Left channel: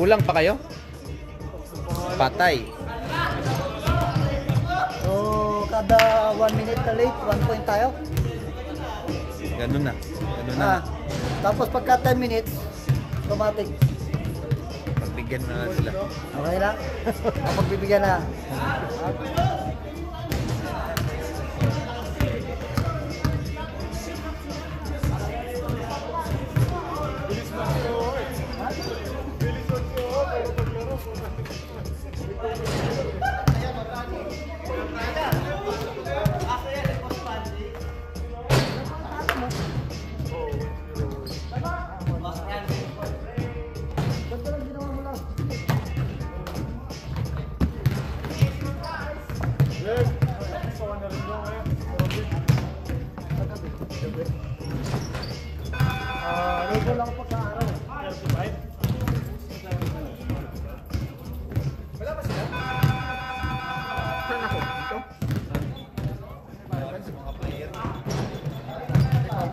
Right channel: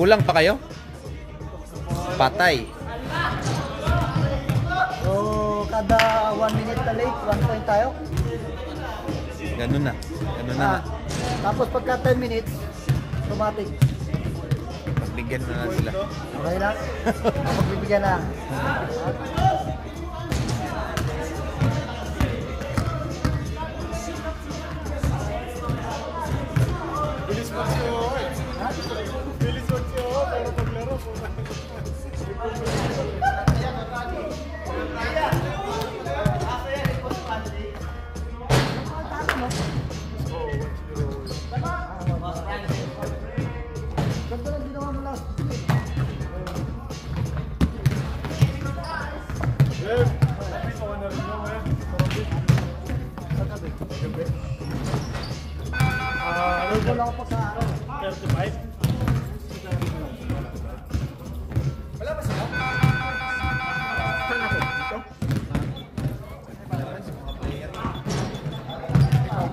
Kulang pa kayo? Patay. So, kada 1 minute na late, 1 point tayo. Ganun na. Ganun na. Tapos pagka 10 minutes, automatic. Pagbigyan na lang sila. Okay na? Pagbibigyan na. Wala pa sa araw. 35? Wala pa sila? Saan ako? Dito? Ikaw?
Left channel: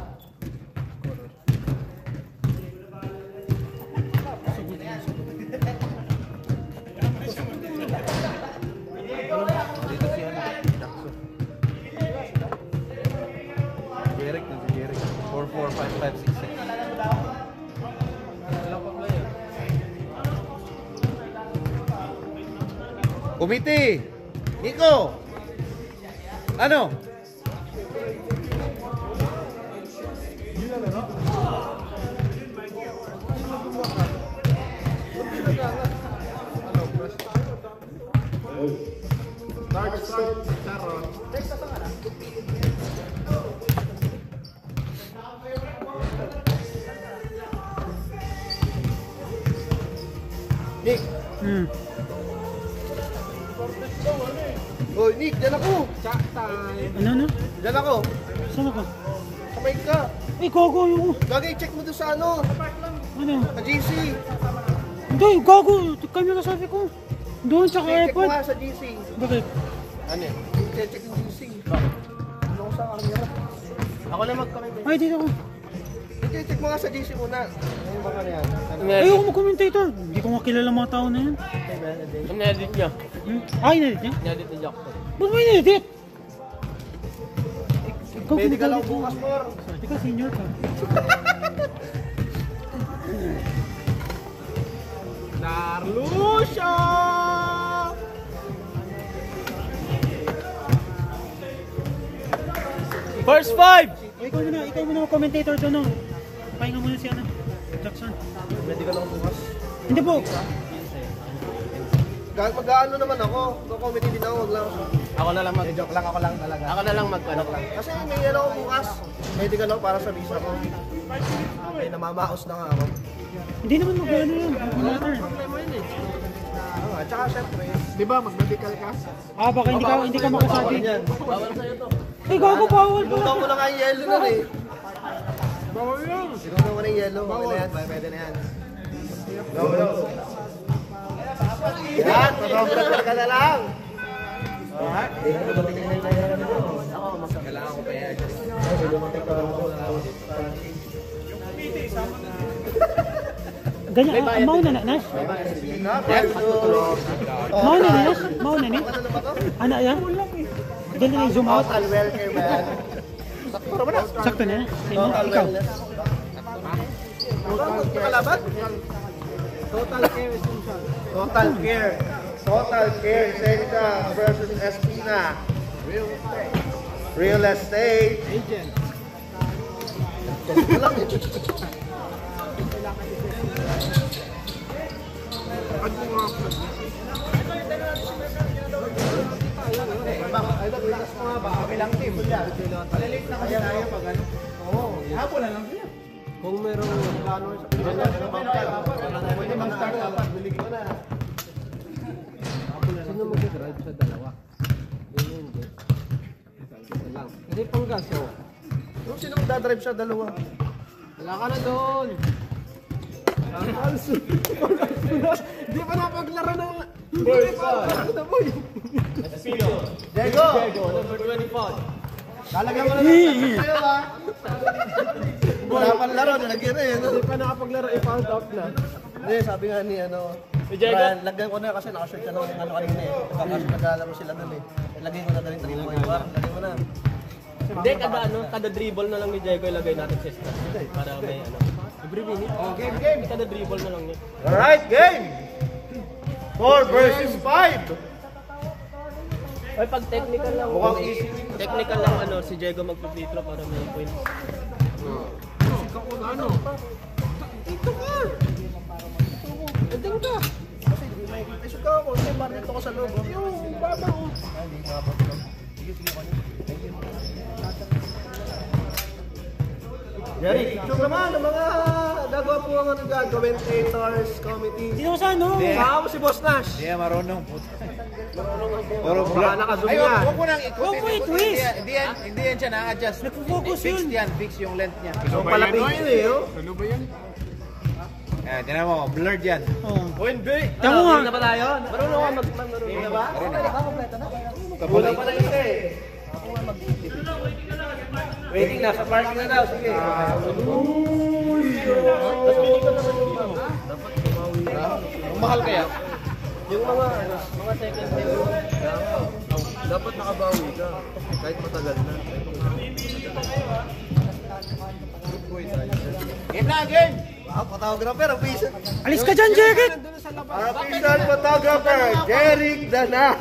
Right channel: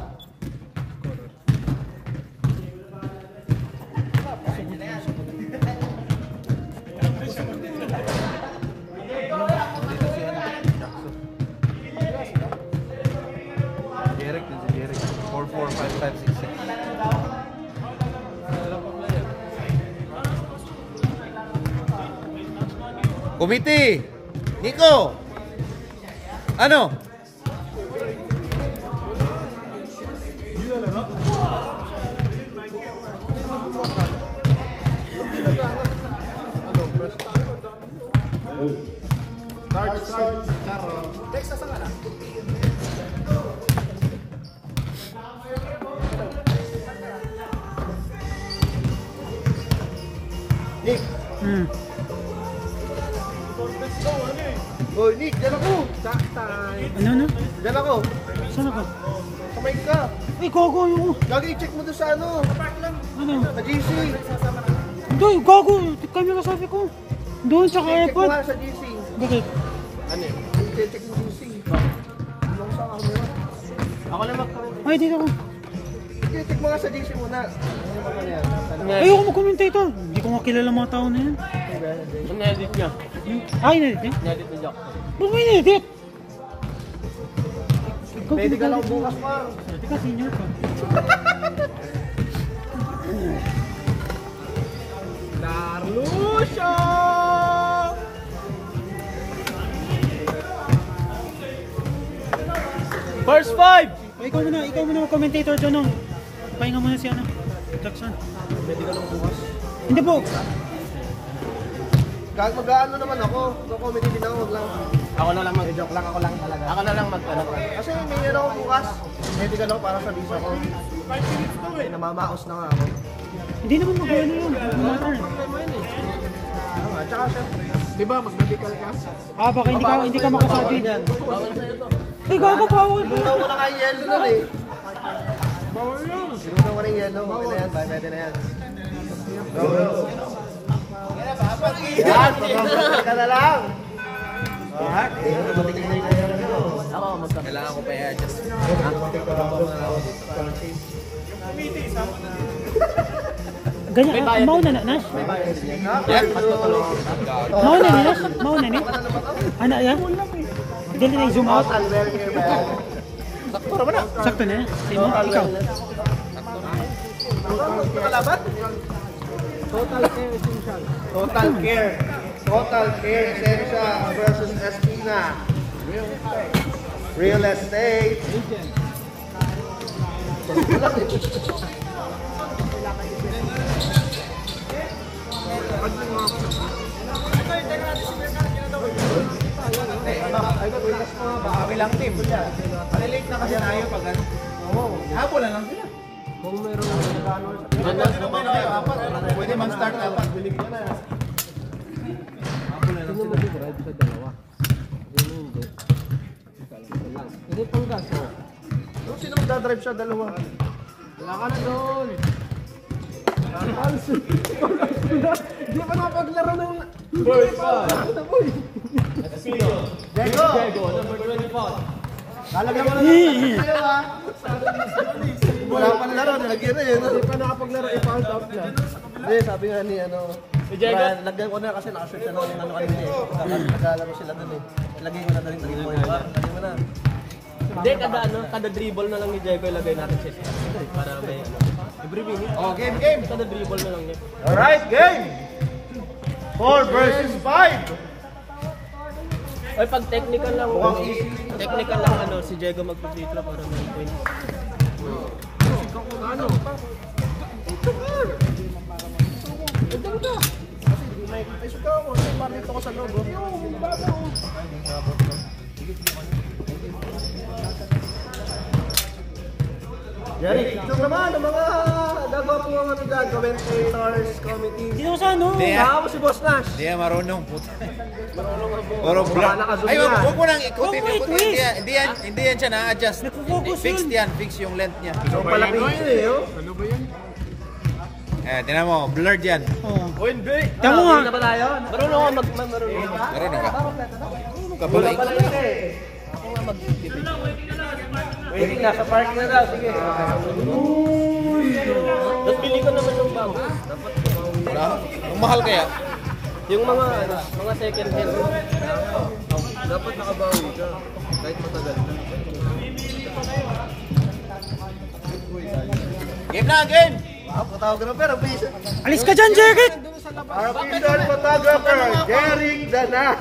Dito si ano? Jackson. Jeric din si Jeric. 445566. Komite! Nico! Ano? Nick! Oh, Nick, dyan ako! Ano na? Dyan ako! Saan ako? Sabay ka! Ay, gago yung... Lagi i-check mo doon sa ano! Ano? Sa GC! Hindi, gago! Kami kasabi ko. Doon, tsaka Check mo airpod. nga sa GC! Bakit? Ano eh? Check yung GC! Ano ko sa camera? Ako na mag-comment. Ay, dito ako. Check mo nga sa GC muna. Ano ba yan? Ayoko mag-commentator. Hindi ko makilala mga tao na yan. In-edit niya. Ah, in-edit niya? In-edit niya. Ba't mo in-edit? Pwede ka lang bukas, par. Teka, senior ka. Carlucia! First 5! Ikaw muna mag-commentator doon. No? Pahinga muna si ano. Jackson. Pwede ka lang bukas. Hindi po. Mag-ano naman ako. Comedy din ako, lang. Ako na lang joke lang ako lang talaga. Ako na lang mag-ano lang. Kasi may ano ako bukas. Pwede ka lang para sa visa ko. Ay, namamaos na nga ako. Hindi naman mag-ano yun. No matter. At saka syempre. Di ba, mag-medical ka? Ah, baka hindi ka makasabi. Yan. Ay, gago, bawal ko. Sinutaw ko na nga yung yellow nun eh. Bawal yun. Sinutaw ko na yung yellow. Okay na yan. Pwede na yan. Yan! Pagkakita ka na lang! Alright? Kailangan ko pa i-adjust. Ganyan, mau na Nash? Mau na Nash? Mau na ni? Ano yan? Dali na zoom out. Sakto naman na. Sakto na. Ikaw. Kalaban? Total Care Essential. Total Care. Total Care Essential versus SP nga. Real estate. Real estate. Agent. Kami lang team. Malilate na kasi tayo pag ano. Hapon na lang sila. Kung meron pwede mag-start na pag gulig mo na. Sino mag-drive sa dalawa? Hindi. Hindi pang gas. Sino mag-drive sa dalawa? Wala ka na doon. Hindi pa napaglaro ng... Boy pa! Sino? Diego! Number 24. Lalagyan mo na lang tayo ha. Wala pa na laro, nilagyan na yun. Hindi pa nakapaglaro, i-found out lang. Hindi, sabi nga ni lagyan ko na kasi nakasearch na ng ano kanina eh. Maglalaro sila nun eh. Lagyan ko na rin 3 points. Lagyan ko na. Hindi, kada dribble na lang ni Diego ilagay natin sa stat. Para may every minute. Oh, game. Kada dribble na lang yun. Alright, game! 4 versus 5! Oy, pag technical lang, si Diego magpi-free throw para may point. Ano? May suka ako, marito ko sa logo. Jerry, ito naman ang mga gagawa po mga commentators committee. Hindi ako sa ano. Ako si Boss Nash. Hindi yan marunong puta. Marunong ako. Puro vlog. Nakazumi Ay, yan. huwag mo nang ikutin. Huwag mo Hindi yan siya na-adjust. Nagpo-focus Fixed yun. yan. Fix yung length niya. So, palapit yun eh. Oh. Ano ba yan? Tinan mo, blurred yan. Oo. Oh, hindi. Tama nga. Hindi na ba tayo? Marunong ako marunong ba? Marunong ka. Kulang pala yun eh. Waiting na, sa parking na daw. Sige. Tapos pili ko naman yung Kung mahal kaya, yung mga second hand. Dapat nakabawi ka. Kahit matagal. game na, game! Photographer, ang piso. Alis ka dyan, Jerry! Our official photographer, Derek Dana.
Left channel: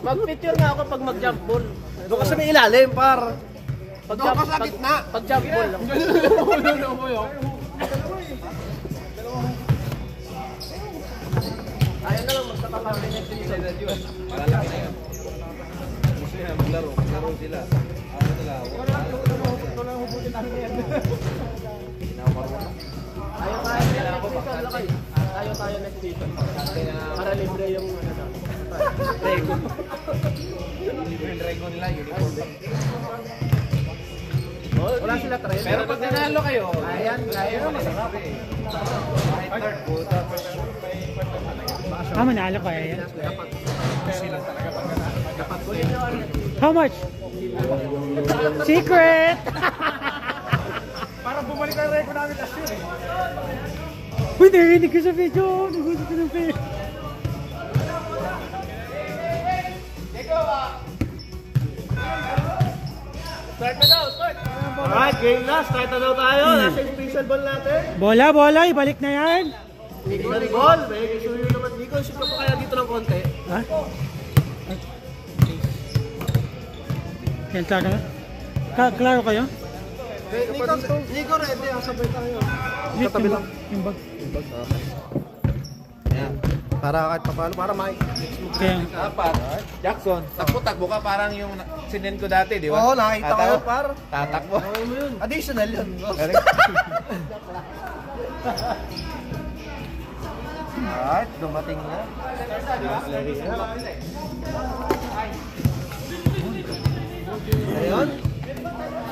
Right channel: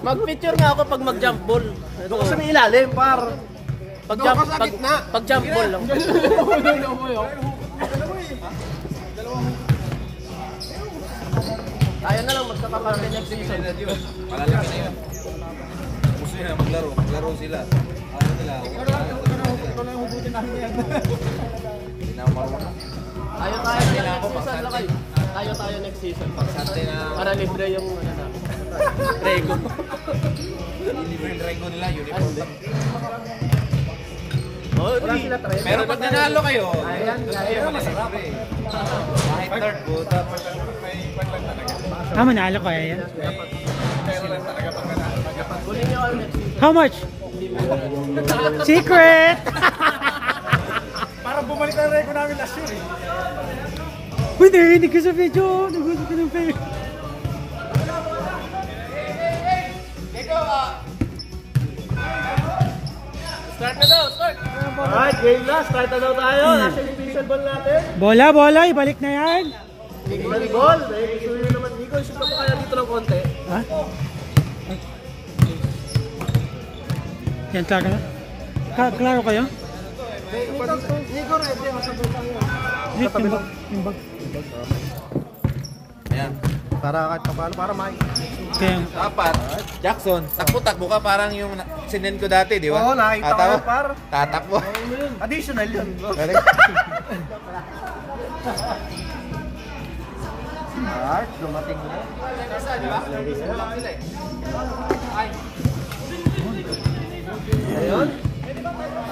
Mag-picture nga ako pag mag-jump ball. Doon ka sa may ilalim, par. Pag jump ball lang. Ayaw na lang magkakaparami next season. Malalaki na yun. Gusto nila maglaro. Maglaro sila. Ano nila? Ayaw tayo next season. Para libre yung Rego. Libre yung Rego nila. Uniform. Pero pag nanalo kayo, ayaw na sa kape. Third puta. Manalo ko yan. How much? Secret! Parang bumalik na rin ko namin last year eh. Uy, narinig ko sa video. Nagusto ko ng pera. Start na daw, start! Alright, game na. Start na daw tayo. Nasa yung pixel ball natin. Bola, ibalik na yan. Pixel ball. Hindi ko isip ko kaya dito ng konti. Ha? Yan, klaro na? Klaro kayo? Nico, ready ang sabay tayo. Wait, yung bag. Ayan. Para kahit paano, para may. Kaya, Dapat, Jackson, takbo-takbo ka parang yung sinend ko dati, di ba? Oo, nakita ko yun, par. Tatakbo. Additional yun. Alright, dumating na. Ayun.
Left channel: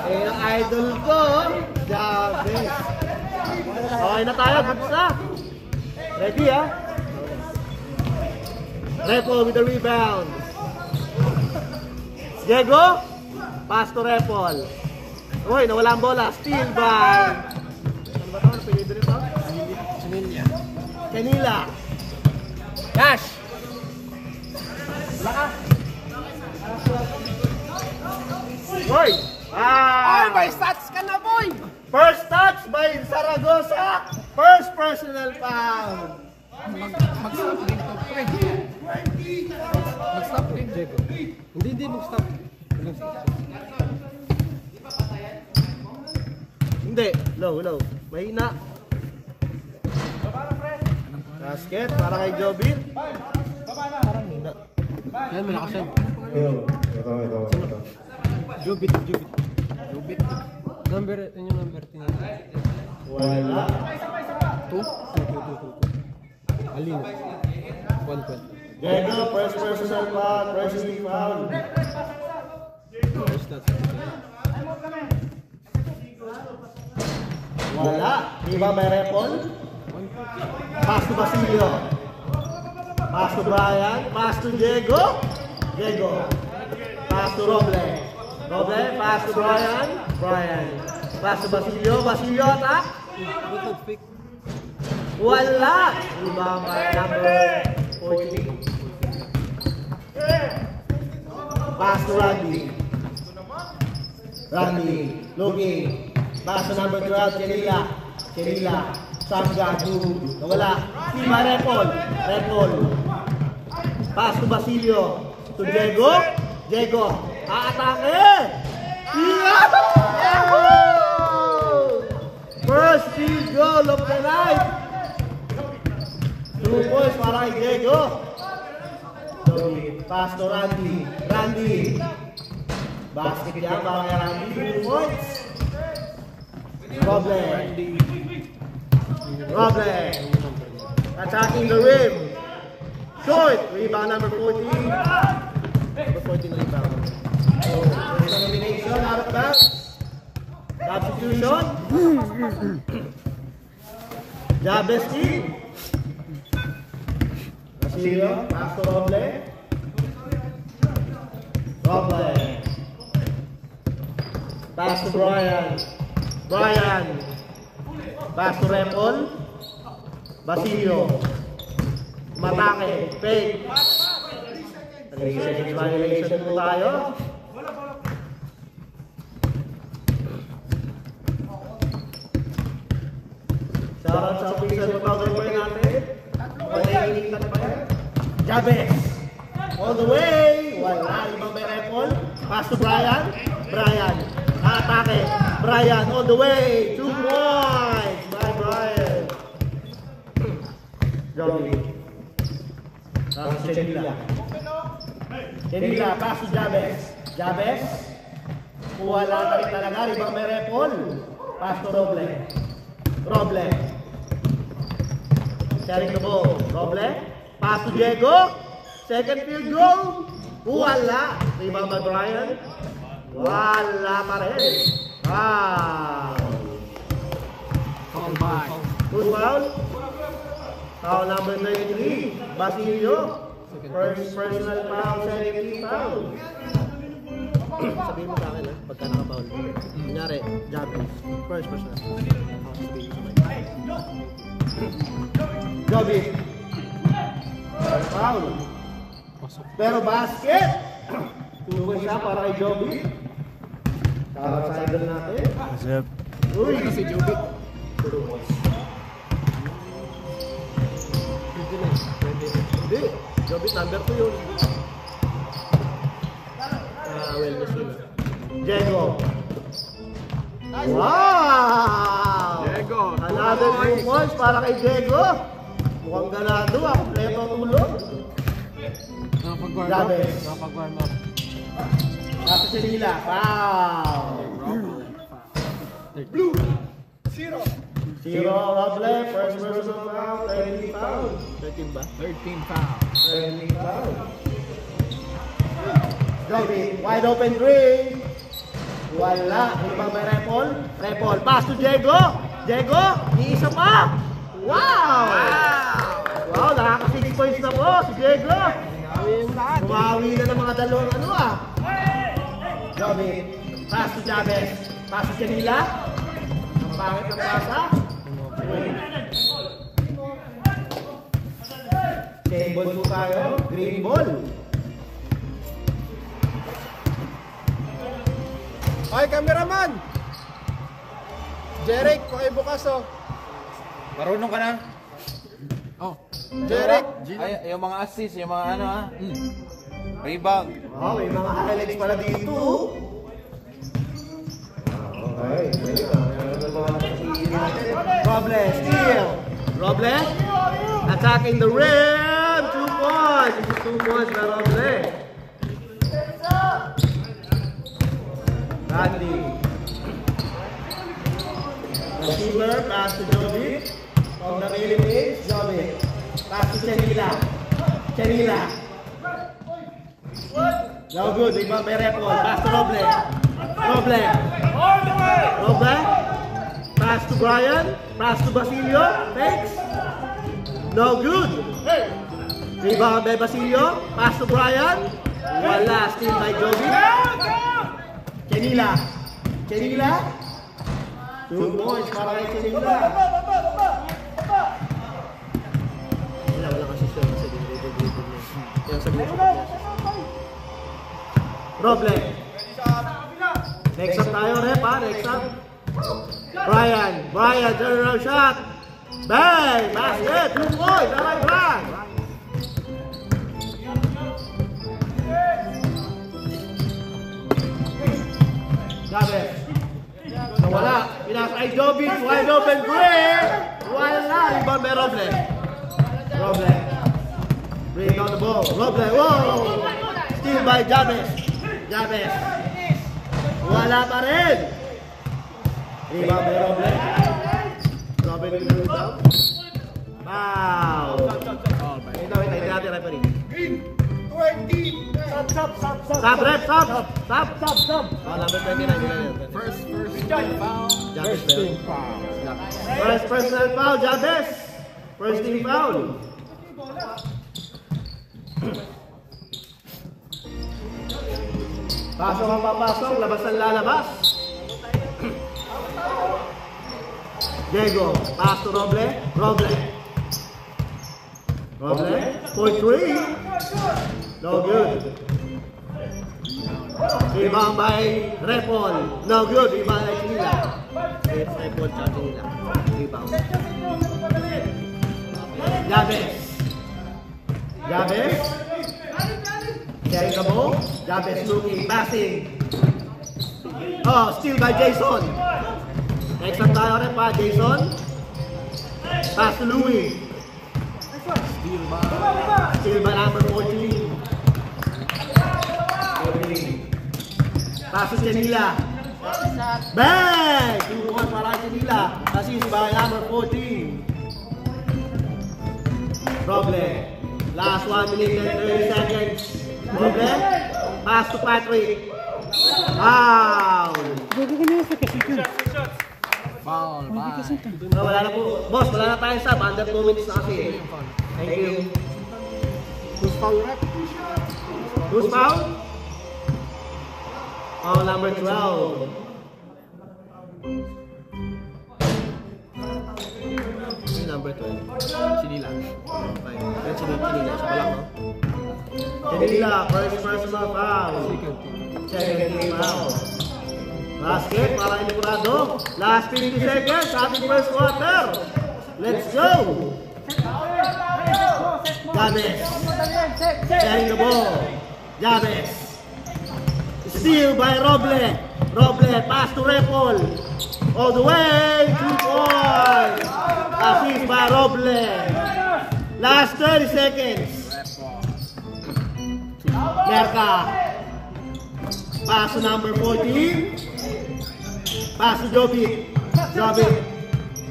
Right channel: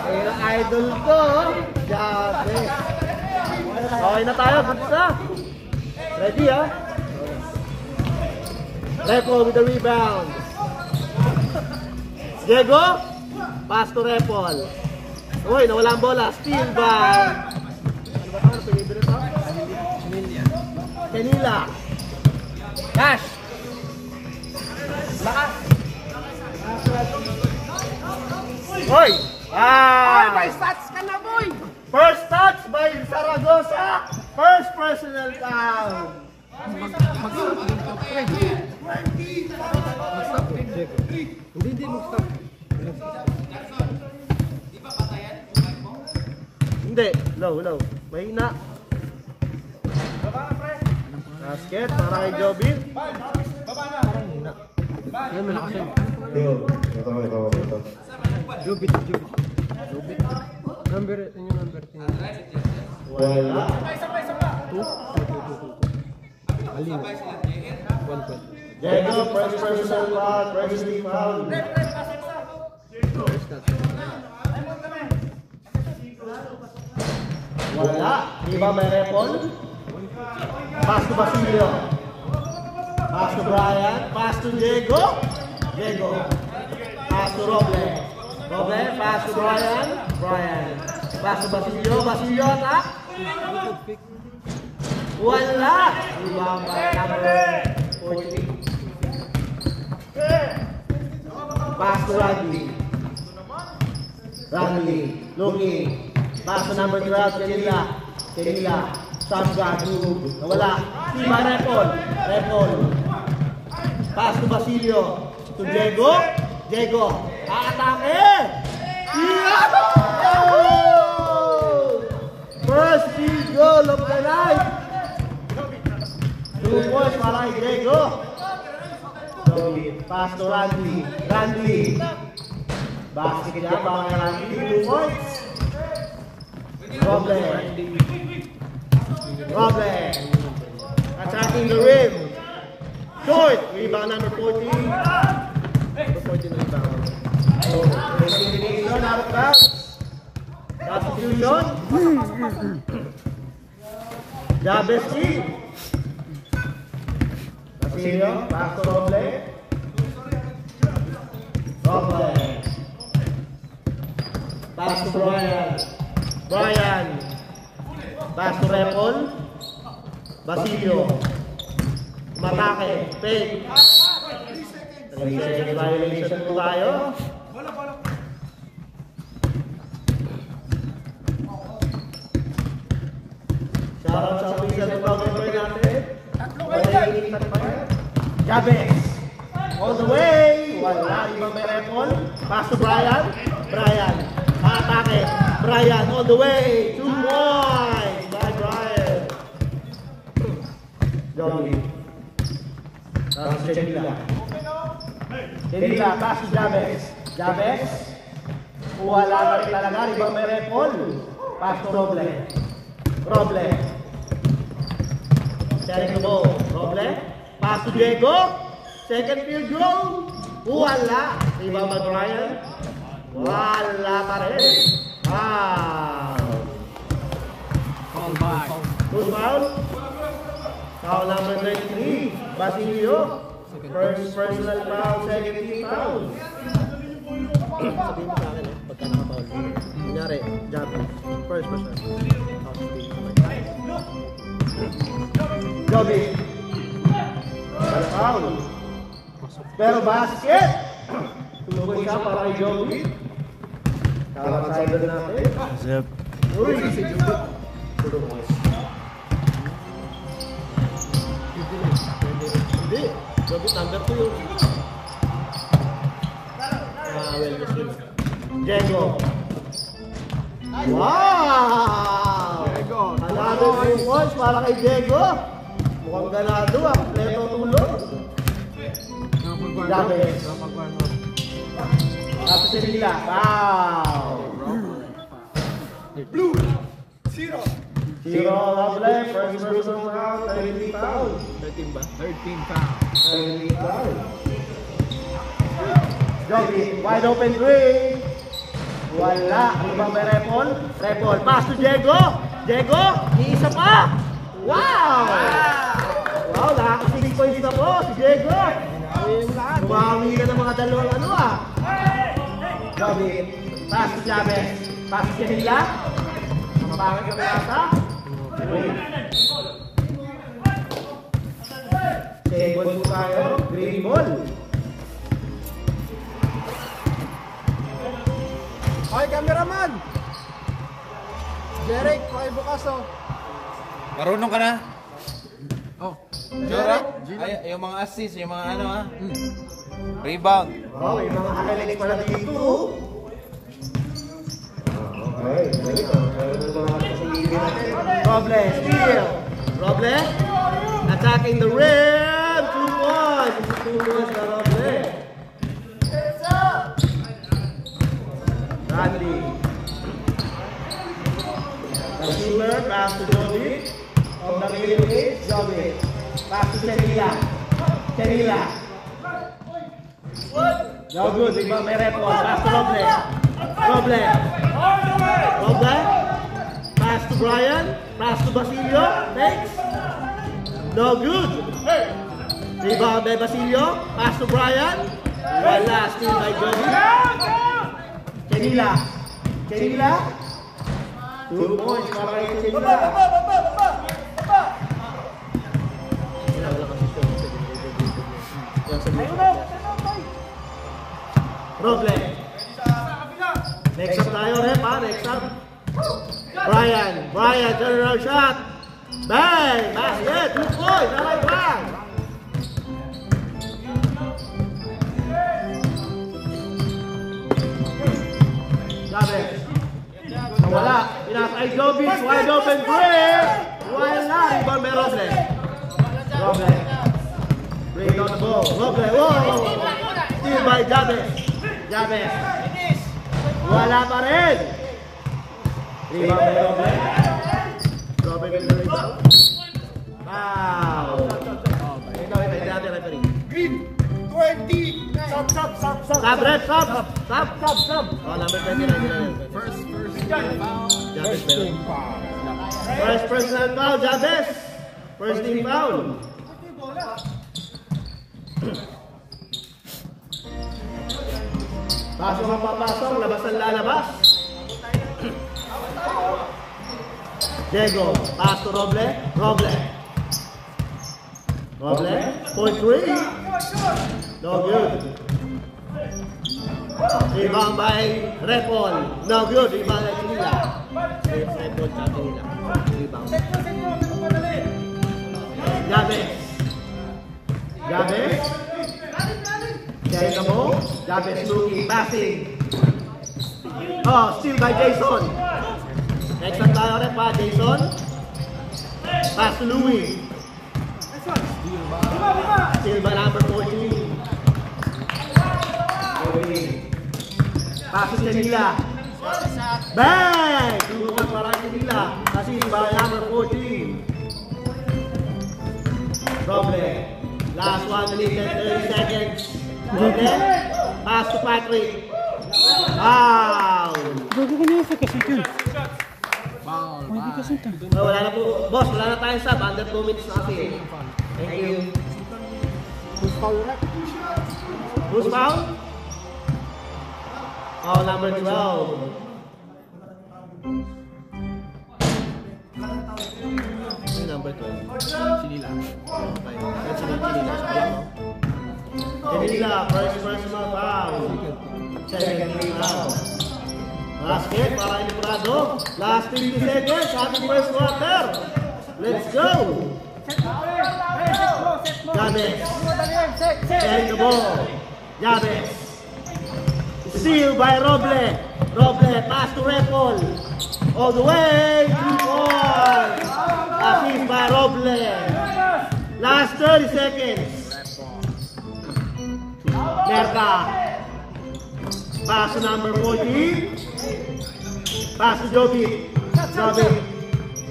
Ayun ang idol ko. Jabe. Okay na tayo, good na. Ready ha? Repo with the rebound. Diego, pass to Repol. Uy, nawala ang bola. Steal by Canila. Cash. Hoy! May stats ka na, boy! First touch by Zaragoza. First personal foul. Hindi mag-stop. Hindi. Low. Mahina. Basket para kay Jobin. Parang hina. Yan, malakas yan. Jobit. Number, ano yung number? Wala. 2? Alin? 12. Diego, first personal foul, first team foul. Wala. Di ba may repon? Pass to Basilio. Pass to Brian. Pass to Diego. Pass to Roble. Pass to Brian. Pass to Basilio. Attack. Wala! Rebound by number 40. Pass to Randy. Randy, looking. Pass to number 12, Kenila. Kenila. Shotgun, nawala. Lima, Repol. Pass to Basilio. To Diego. Diego. Aatake! Yahoo! First field goal of the night. 2 points para kay Diego. Pass to Randy. Randy. Basket niya para kay Randy. 2 points. Roble. Attacking the rim. Short. Rebound number 14. 14 rebound. So, elimination out of bounds. Substitution. Jabeski. Basilio. Pass to Roble. Pass to Brian. Pass to Repol. Basilio. Matake. Fake. 3 seconds violation po tayo. Shoutout sa official photographer natin. Jabez. All the way. Wala. Ibang may Repol. Pass to Brian. Atake. Brian all the way. 2 points by Brian. Johnny. Pass to Chenila. Pass to Jabez. Wala ka rin talaga. Ibang may Repol. Pass to Roble. Sharing the ball. Roble. Pass to Diego. Second field goal. Wala. Ibang may Brian. Wala pa rin. Who's foul? Foul number 93. Basilio. First personal foul, second foul. Sabihin mo sa akin, pagka naka-foul. Kunyari, Jabez. First personal. Joby. Foul. Pero basket. Tumukoy siya para kay Joby. Kakasagad natin. Zep. Uy, si Joby. Hindi. Joby number 2 yun. Diego. Wow! Diego. Another 2 points para kay Diego. Mukhang ganado ah. Preto tulo. Jabez. At Chenila. Wow! Blue. 0. 0 Roble. First person foul. 13 foul. 13 ba? 13 foul. 13 foul. Joby. Wide open three. Wala. Ibang may Repol. Pass to Diego. Iisa pa. Wow! Nakaka-6 points na po si Diego. Tumawi na ng mga dalawang ano ah. Joby. Pass to Jabez. Pass to Chenila. Pangit ka na sa. Same ball po tayo. Green ball. Ay, cameraman! Jeric, pakibukas oh. Marunong ka na? Oh. Jeric? Ay, yung mga assist, yung mga ano ha? Rebound. Wow, yung mga kakalilig pala dito. Okay, Roble, steal. Roble, attacking the rim. 2 points. This is 2 points by Roble. Randy. Receiver, pass to Joby. On the railing edge, Joby. Pass to Chenila. No good, ibang may Repol. Pass to Roble. Pass to Brian. Pass to Basilio. Thanks. No good. Rebound by Basilio. Pass to Brian. Wala. Steal by Joby. Chenila. 2 points para kay Chenila. Roble. Next up tayo, rep ha. Next up. Brian, general shot. Bang! Basket! 2 points! Alright, bang! Gabriel. Wala. Pinatay Jovic. Wide open three. Wala na. Rebound may Roble. Roble. Rebound go. Roble. Whoa! Steal by Jabez. Jabez. Wala pa rin. Rebound may Roble. Roble with the rebound. Wow. Ito ay nagdati referee. Green. 20. Stop, rep, stop. Oh, number 29. First foul. Jabez. First personal foul, Jabez. First team foul. Pasok ang papasok, labas ang lalabas. Diego, pass to Roble. Roble. For 3. No good. Rebound by Repol. No good. Rebound by Kinila. Repol sa Kinila. Rebound. Jabez. Carry the ball. Jabez looking, passing. Oh, steal by Jason. Next up tayo rin pa, Jason. Pass to Louis. Steal by number 14. Pass to Canila. Bang! Tulungan para Canila. Assist by number 14. Roble. Last 1 minute and 30 seconds. Roble. Pass to Patrick. Wow! Gagi ka niya sa kasito. Foul. No, wala na po. Boss, wala na tayong sub. Under 2 minutes na kasi. Thank you. Who's foul, rep? Who's foul? Foul number 12. Ay, number 12. Sinila. Okay. Yan Sinila. Sinila, first personal foul. Second foul. Basket para Elibrado. Last 50 seconds. Ating first quarter. Let's go. Jabez. Carrying the ball. Jabez. Steal by Roble. Roble. Pass to Repol. All the way. 3 points. Assist by Roble. Last 30 seconds. Merka. Pass to number 14. Pass to Jovic.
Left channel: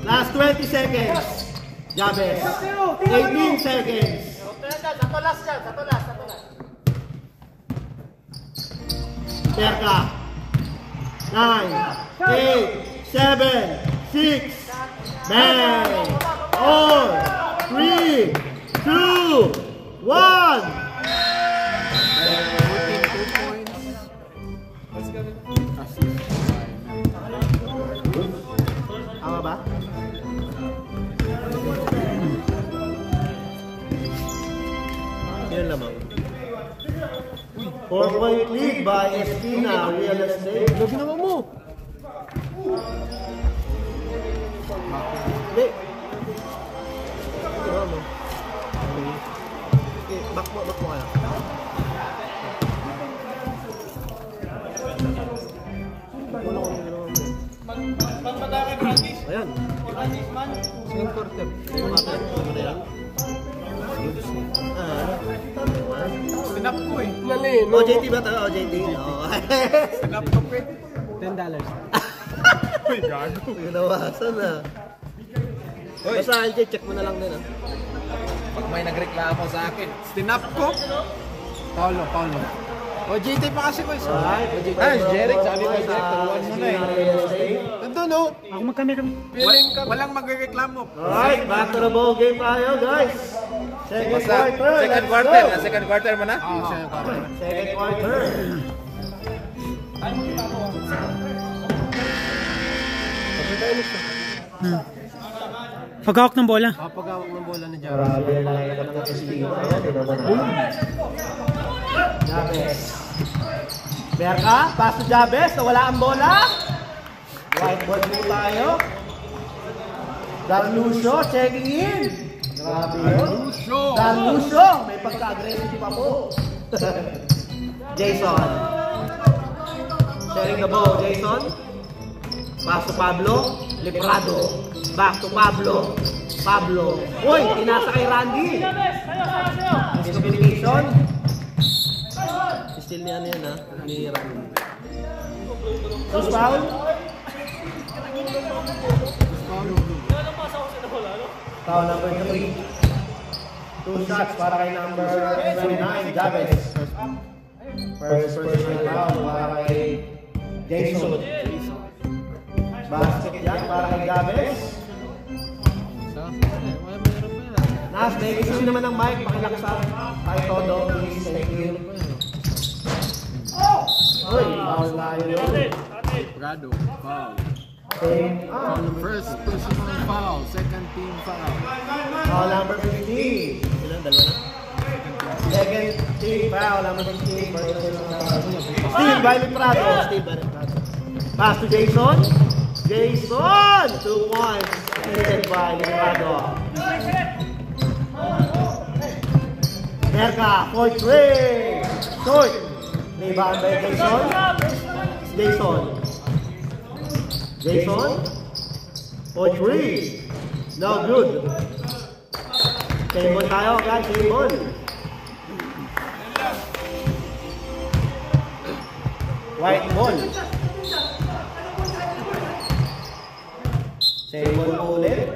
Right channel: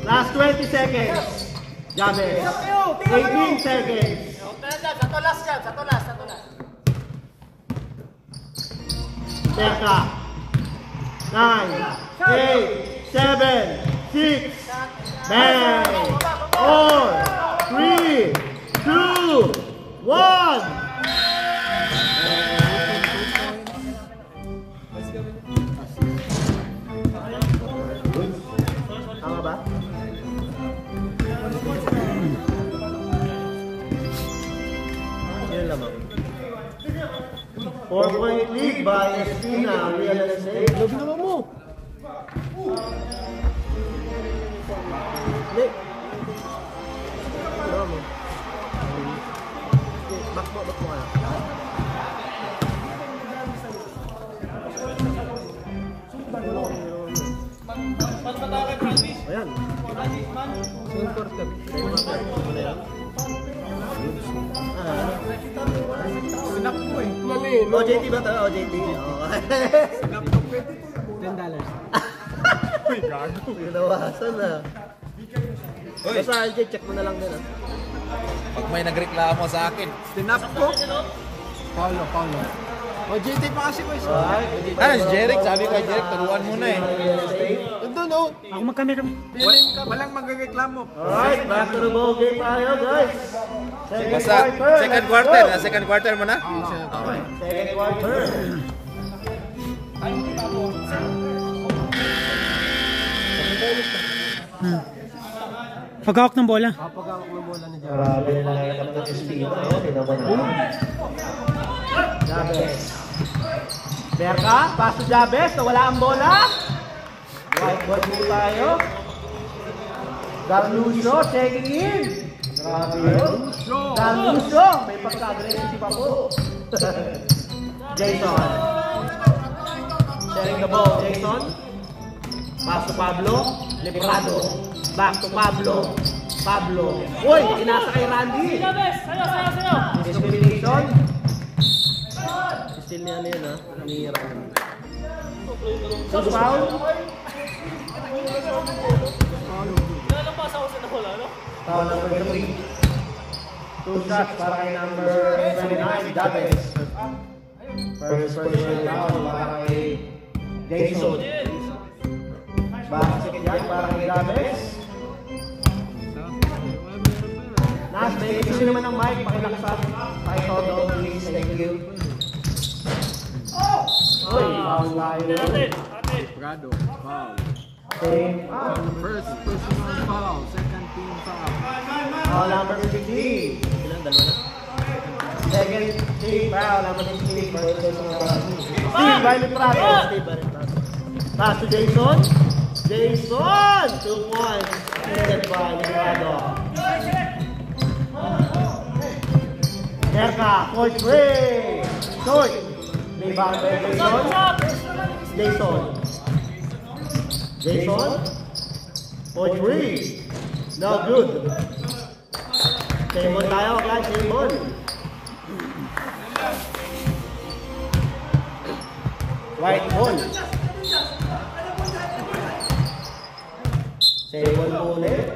Last 20 seconds. Jabez. 18 seconds. Merka. 9, 8, 7, 6, bang. 4, 3, 2, 1. Tama ba? Yan lamang. 4-point lead by Espina, Real Estate. Labi naman mo. Hindi. Back mo ka. Ayan. Sinap ko eh. OJT ba tayo? OJT? Sinap ko pwede. $10. Uy, gago. Nawasan na. Basta LJ, check mo na lang din. Pag may nagreklamo sa akin. Sinap ko. Paulo. OJT pa kasi ko isa. Si Jeric, sabi ko kay Jeric, taruan mo na eh. Nandun o. Ako magkamera. Walang magreklamo. Alright, back to the ball game tayo, guys. Second quarter mo na? Second quarter. Pag-hawak ng bola. Grabe na lang yung ng Espina. Tingnan mo na. Jabez. Merka, pass to Jabez, nawala ang bola. Right ball din tayo. Darlucio, checking in. Grabe yun. Darlucio, may pagka-aggressive ako. Jason. Sharing the ball, Jason. Pass to Pablo. Librado. Back to Pablo. Pablo. Uy, inasa kay Randy. Discrimination. Still niya yan ha. Ni Randy. So, foul. Foul number 3. 2 shots para kay number 29, Jabez. First personal foul para kay Jason. Basket yan para kay Jabez. Nas, may issue naman ng mic. Pakilaksan. Tayo todo. Please, thank you. Uy, foul tayo. Grado, foul. Okay. First personal foul, second team foul. Foul number 50. Second team foul number 50. Steve by Librado. Pass to Jason. Jason! 2 points. Headed by Librado. Merka, Coach Ray. Coach. Rebound by Jason. Jason. Jason. Coach Ray. No good. Table tayo guys, table. White ball. Table ulit.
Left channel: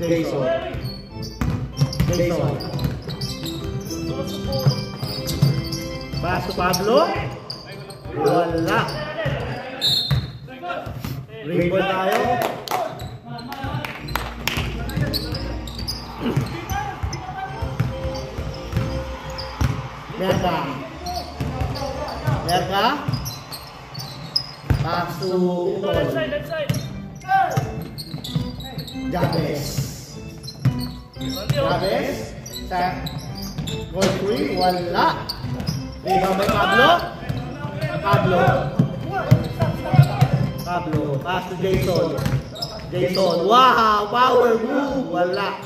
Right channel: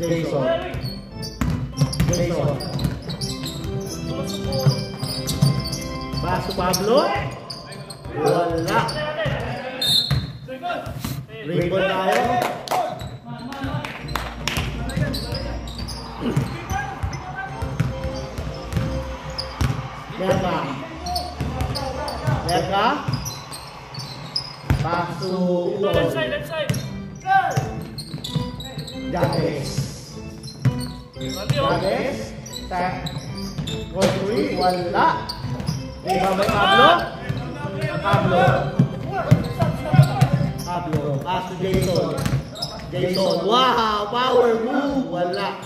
Jason. Jason. Pass to Pablo. Wala. Rebound tayo. Merka. Merka. Pass to left side. Jabez. Jabez. Set. Goal 3. Wala. Rebound by Pablo. Pablo. Pablo. Pass to Jason. Jason. Wow! Power move. Wala.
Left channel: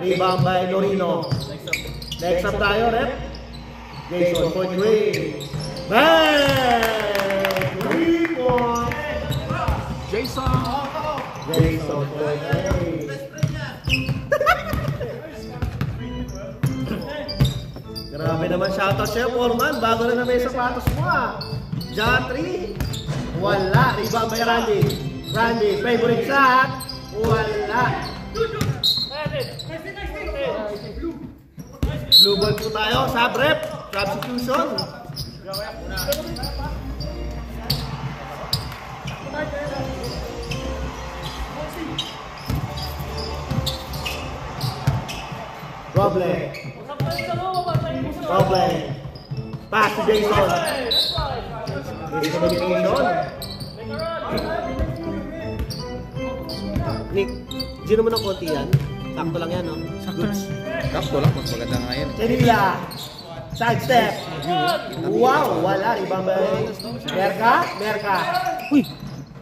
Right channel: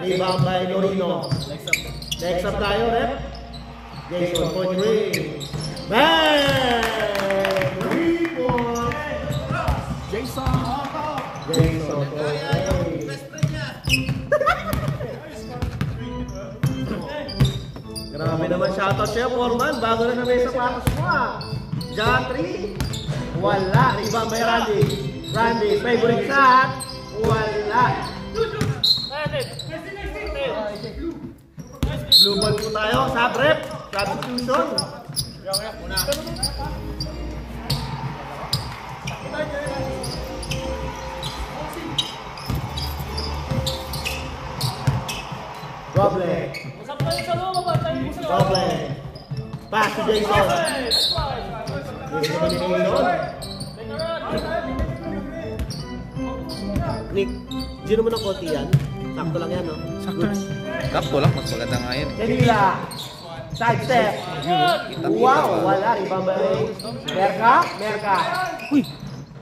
Rebound by Lorino. Next up tayo, rep. Jason for 3. Bang! 3 points. Jason! Jason for 3. Grabe naman shoutout sa'yo, Foreman. Bago na may sapatos mo ah. Jatri. Wala. Rebound by Randy. Randy, favorite shot. Wala. Blue ball po tayo. Sub-rep. Substitution. Roble. Roble. Pass to Jason. Jason. Nick, di naman ang konti yan. Sakto lang yan, no? Sakto lang. Sakto lang, mas maganda nga yan. Kenila. Side step. Wow, wala. Ibang ba rin? Merka? Merka. Uy!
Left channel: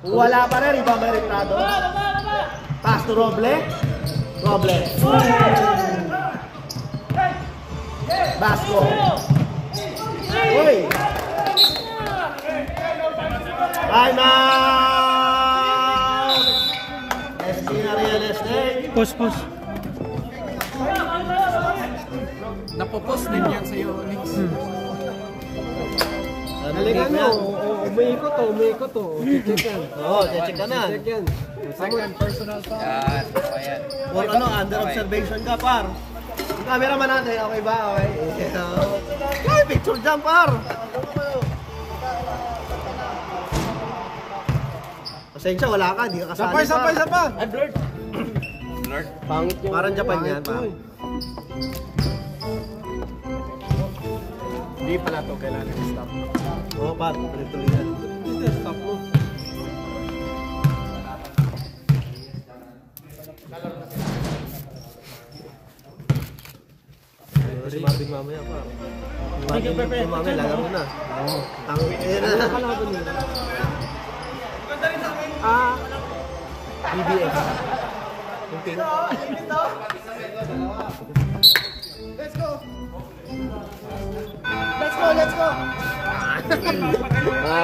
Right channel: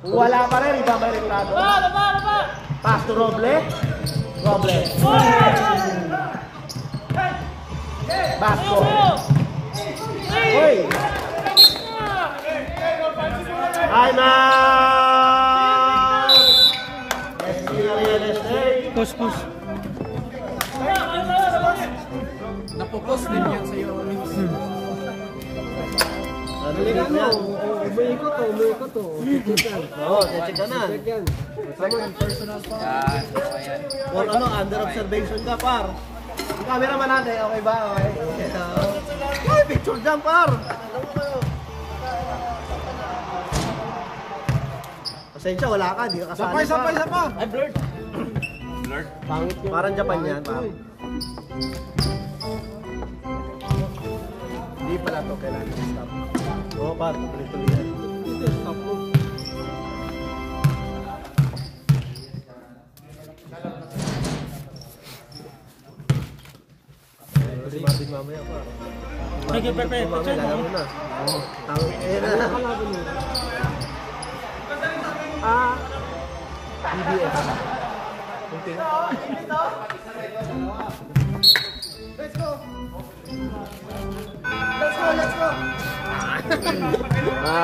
Wala pa rin. Ibang ba rin Prado? Pass to Roble. Roble. Basco. Uy! Bye na! SP na real estate. Pause, pause. Napopos din yan sa'yo, Mix. Naliligyan mo. Umiikot to. Check yan. Oo, check ka na. Check yan. Second personal foul. Yan, ayan. Kung ano, under observation ka, par. Yung camera man natin, okay ba? Okay. Picture dyan, par. Ano mo kayo? Pasensya, wala ka. Di ka kasali, par. Sapa! Ay, blurred. Lord. Pangit yung... Parang Japan yan, par. Hindi pala ito. Kailangan i-stop. Oo, par. Tuloy-tuloy yan. Ito, stop mo. Mami, lalaro na. Ayan na. BBS. Okay. Let's go!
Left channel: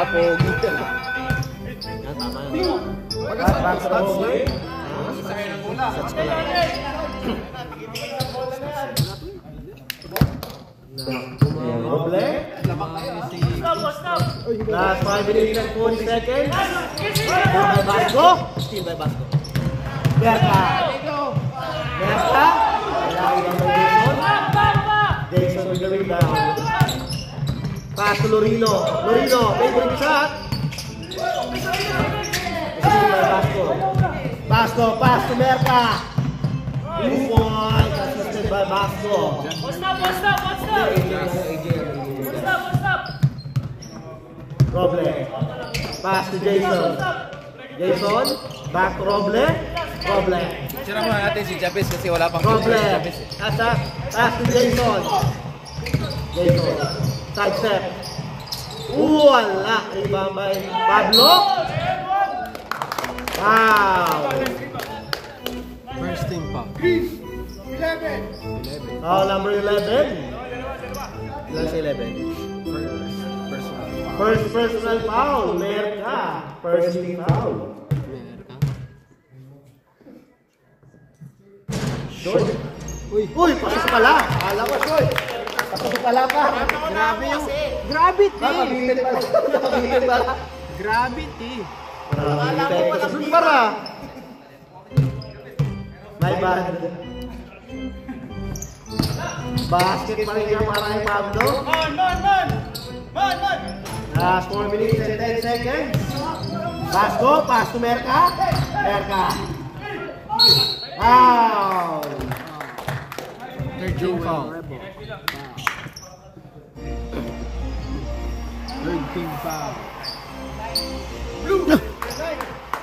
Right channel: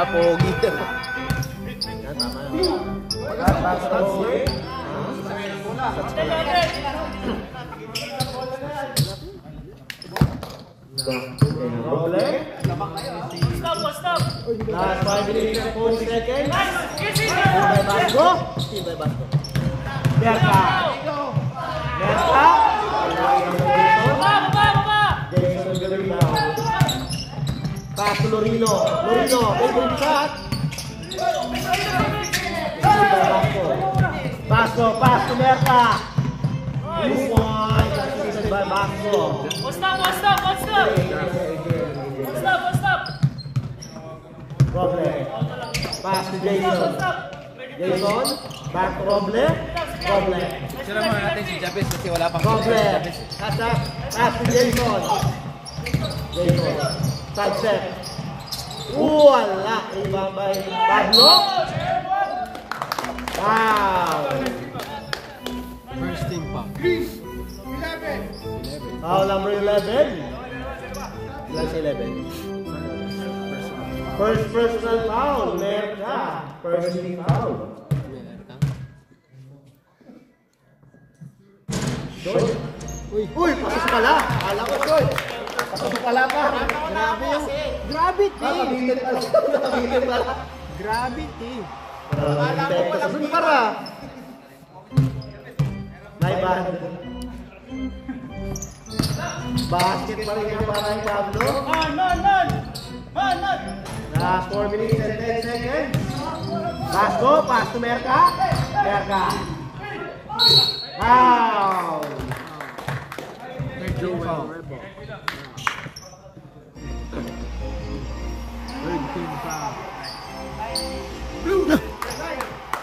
Pogi. Last 5 minutes and 40 seconds. Steam by Basco. Merka. Jason Lorino. Pass to Lorino. Lorino, favorite shot. Basco, pass to Merka. 2 points assisted by Basco. Roble. Pass to Jason. Jason, back to Roble. Roble. Sira mo natin si Chavez kasi wala pang Roble. Pass to Jason. Jason. Side step. Wala. Ibabay. Pablo. Wow. First team pa. Foul number 11. Ilan sa 11? First personal foul. Merka. First team foul. Short. Uy, pasok pala. Akala ko short. Pasok pala pa. Grabe yung... Gravity! Nakabutin pala. Gravity! Doon para. My bad. Basket pa rin niya para ni Pablo. Last 4 minutes and 10 seconds. Last go, pass to Merka. Merka. Wow. Third team foul. Third team foul.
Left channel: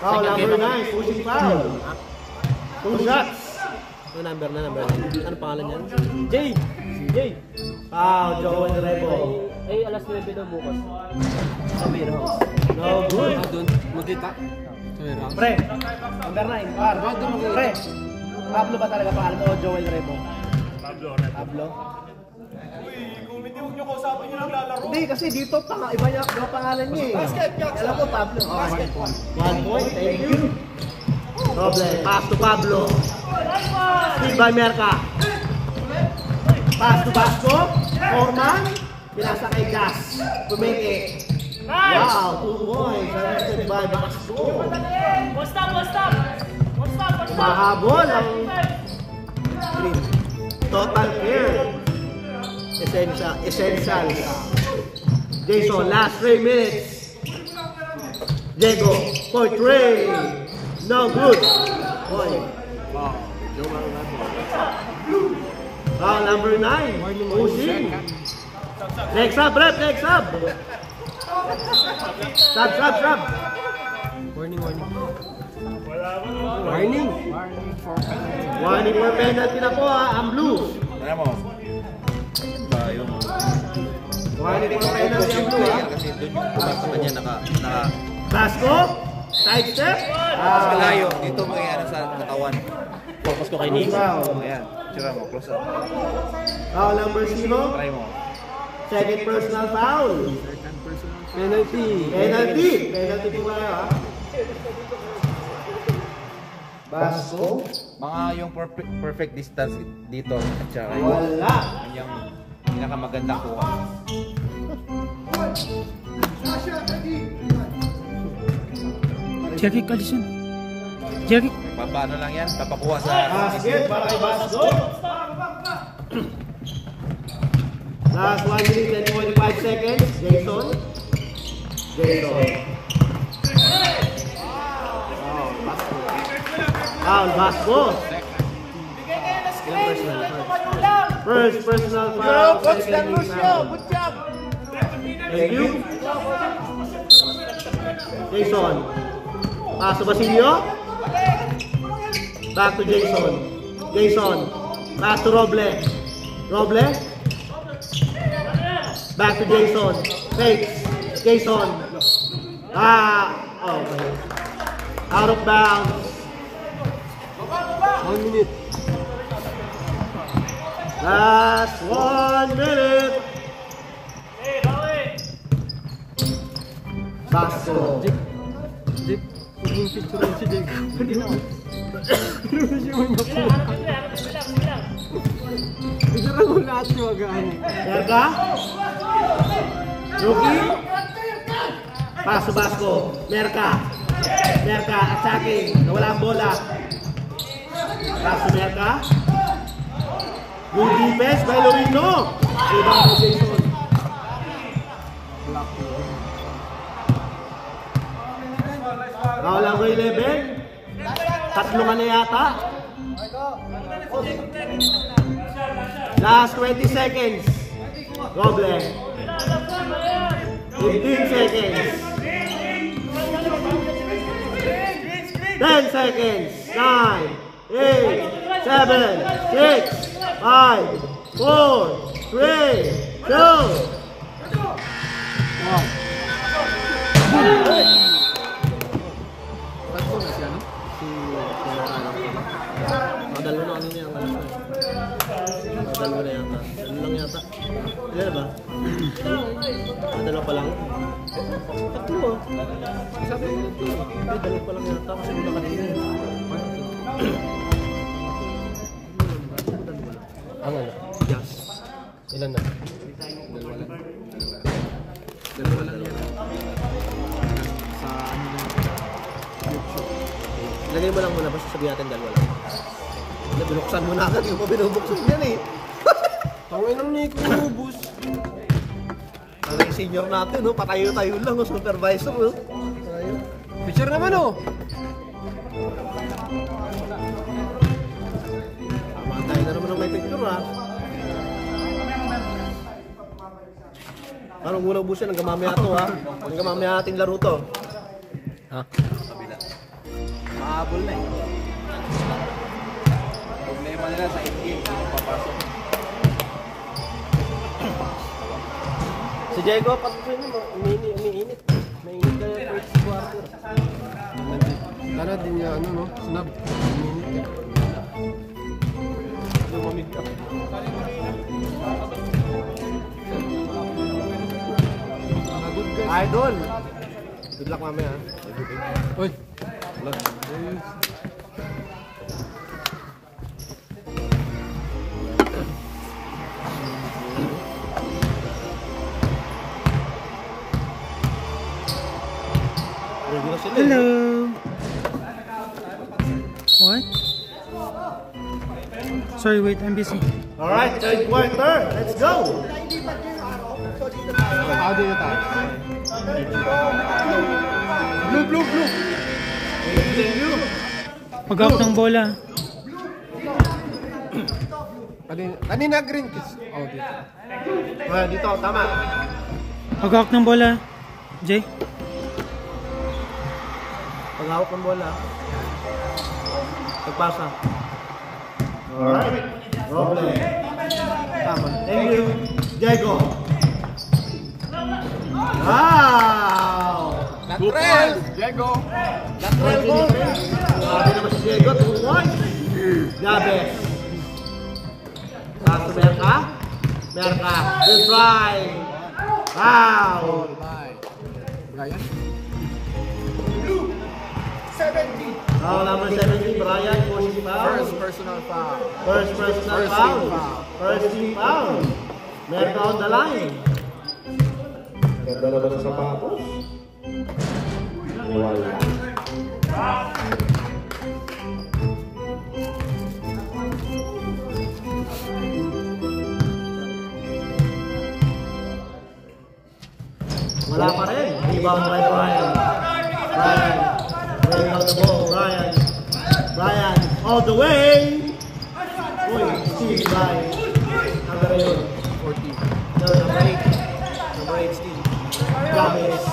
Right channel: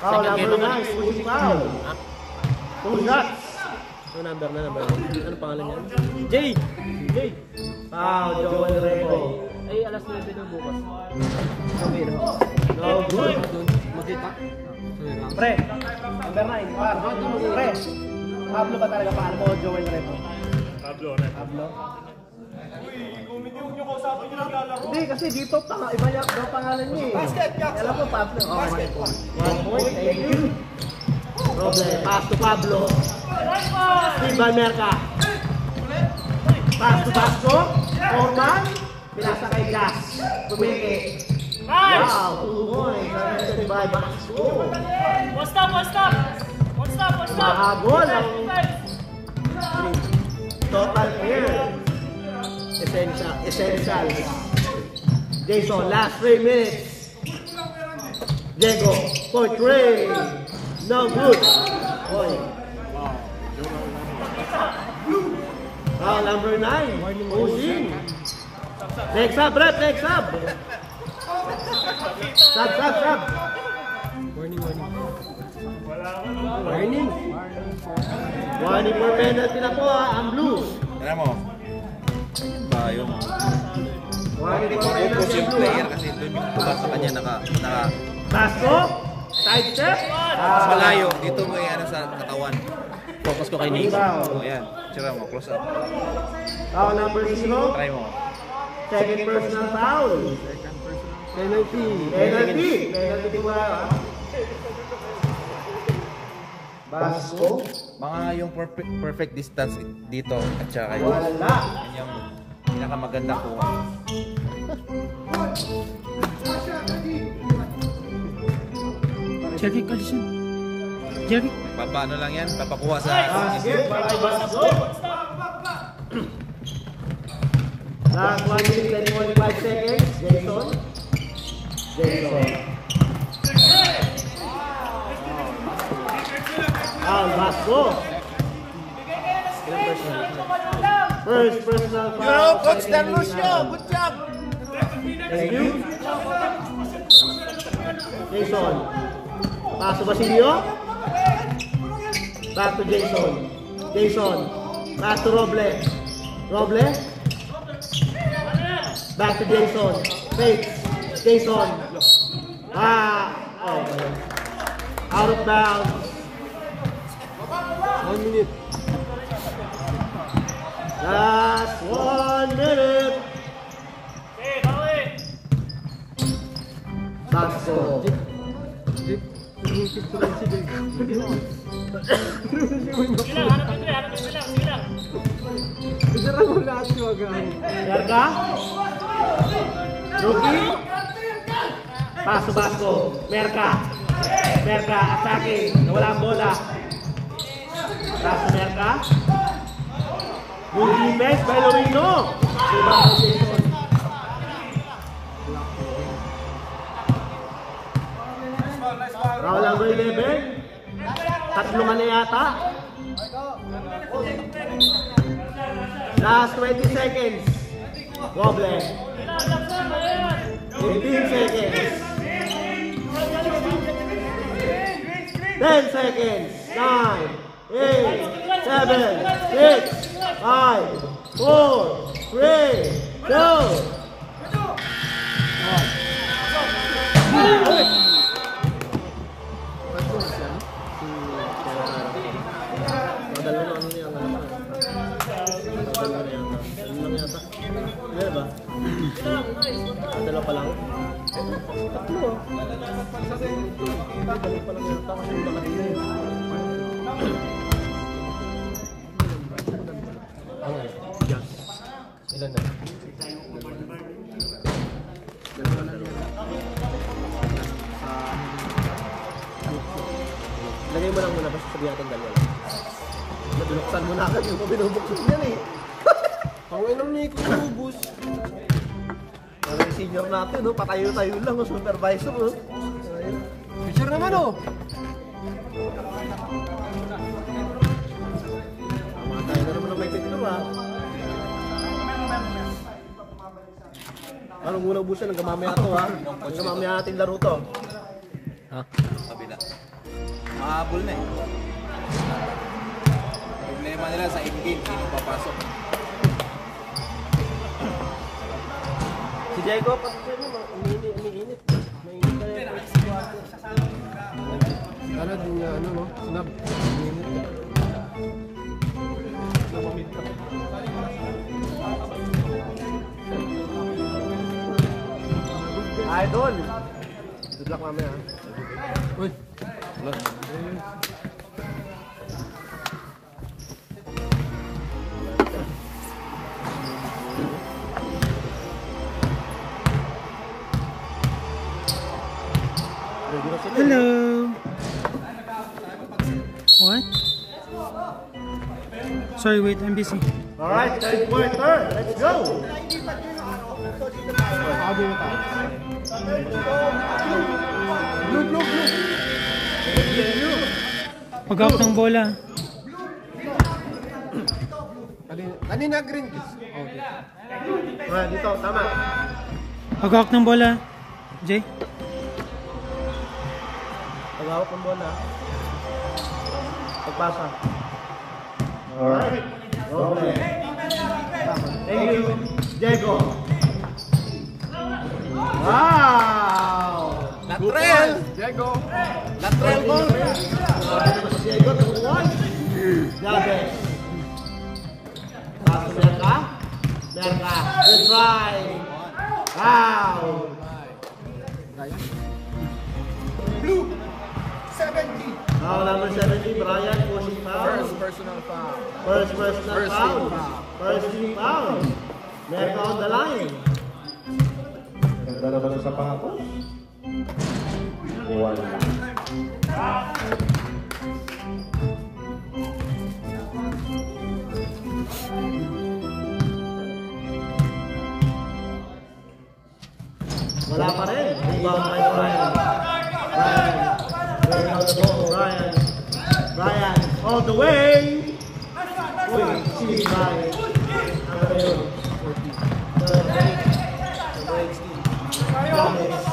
Second game ako. Pushing foul. 2 shots. Ano number 9? Ano pangalan niyan? Jay! Jay! Foul, Joel Remo. Ay, alas 9 daw bukas. Sabi, no? No good. Nagkita? Pre, number 9, par. Pre, Pablo ba talaga paano mo Joel Remo? Pablo? Hindi, kasi dito iba niya ang pangalan niya eh. Basket, alam ko Pablo. Basket, 1 point, thank you. Roble, pass to Pablo. Steve by Merka. Pass to Basco. Orman. Pinasa kay Gas. Kumeke. Wow, 2 points. Arrested by Basco. Mahabol ang green. Total clear. Essentials. Jason, last 3 minutes. Diego, for 3. No good. Point. Wow. Joel Remo. Number 9. Pushing. Next up, rep. Next up. Stop. Warning. Warning for penalty. Warning for penalty na po ang blue. Tara mo. Yung Warning for penalty ang blue. kasi doon yung pumasok kanya naka Basco. Side step. mas malayo. Dito mo yung ano sa katawan. Focus ko kay Nate. Ayan. Sira mo. Close up. Foul number 0. Try mo. Second personal foul. Penalty. Penalty po ba? Basco. Mga yung perfect distance dito at saka yung Wala. yung pinakamaganda kuha. Check it, Alison. Check it. Paano lang yan? Papakuha sa Basket para kay Basco. Last 1 minute and 25 seconds. Jason. Basco. First personal foul. Good job. Thank you. Jason. Pass to Basilio. Back to Jason. Pass to Roble. Back to Jason. Takes. Jason. Okay. Out of bounds. 1 minute. Last 1 minute. Basko. Jeep. Yung picture si Diego. Picture mo lahat yung agay. Merka. Rookie. Paso Basko. Merka. Merka. Attacking. Wala ang bola. Paso Merka. Good defense by Lorino. Foul ang Roy Leber. Tatlungan na yata. Last 20 seconds. Roble. 15 seconds. 10 seconds. 9, 8, 7, 6, 5, 4, 3, 2. Dalawa na ano niya. Dalawa na yata. Dalawa lang yata. Meron ba? Dalawa pa lang. Tatlo. Dalawa pa lang yata. Kasi wala kanina. Ano? Yes. Ilan na? Lagay mo lang muna. Basta sabihin natin dalawa lang. Binuksan mo na agad yung binubuksan yan eh. Tangin ng Nico, ubus. Ang senior natin, no? Patayo-tayo lang, no? Supervisor. No? Picture naman oh. Tayo na naman may picture, ha? Parang muna ubusan, hanggang mamaya to, ha? Hanggang mamaya ating laro to. Ha? Sabi na. Nakahabol na eh. Problema nila sa in-game, hindi papasok. Si Diego, pakasal mo. Umiinit. Mainit na yung first quarter. Kala din niya, ano no? Snap. Lumamit ka. Idol! Good luck mamaya, ha? Uy. Hello. What? Sorry, wait, I'm busy. Alright, third quarter. Let's go! Tao din ito. Blue. Pag-out ng bola. Kanina green kiss. Okay. Dito, tama. Pag-out ng bola. Jay? Paghawak ng bola. Pagpasa. Alright. Okay. Thank you. Diego. Wow! Latrell! Diego. Latrell mo. Diego, 2-1. Gabes. Tapos Merka. Merka. Good try. Wow! Brian. Foul number 70, Brian, forcing foul. First personal foul. First personal foul. First team foul. Merka on the line. Ganda naman ang sapatos. Wala. Wala pa rin. Rebound by Brian. Brian. Brian. All the way. Uy, Steve Brian. Gomez.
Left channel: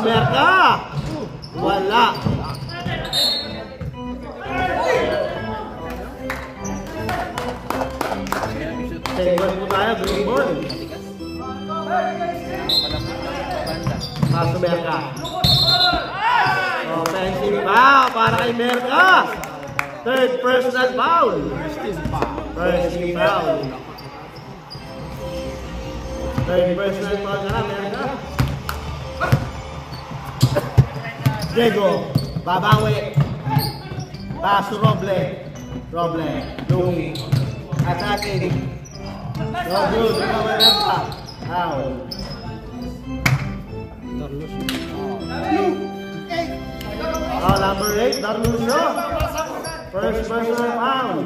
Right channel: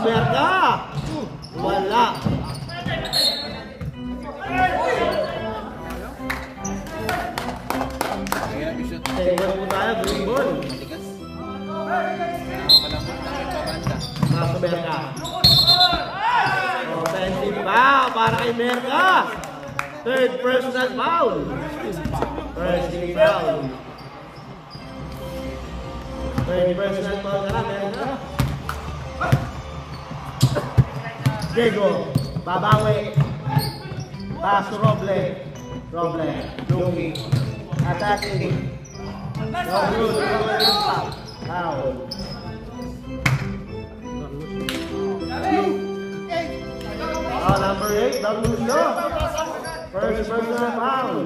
Merka. Wala. Segment po tayo. Paso Merka. Offensive foul para kay Merka. Third personal foul. First foul. Third personal foul na Merka. Diego, babawi. Paso Roble. Louis. Attacking. Foul. Number 8, Darlucio. First personal foul.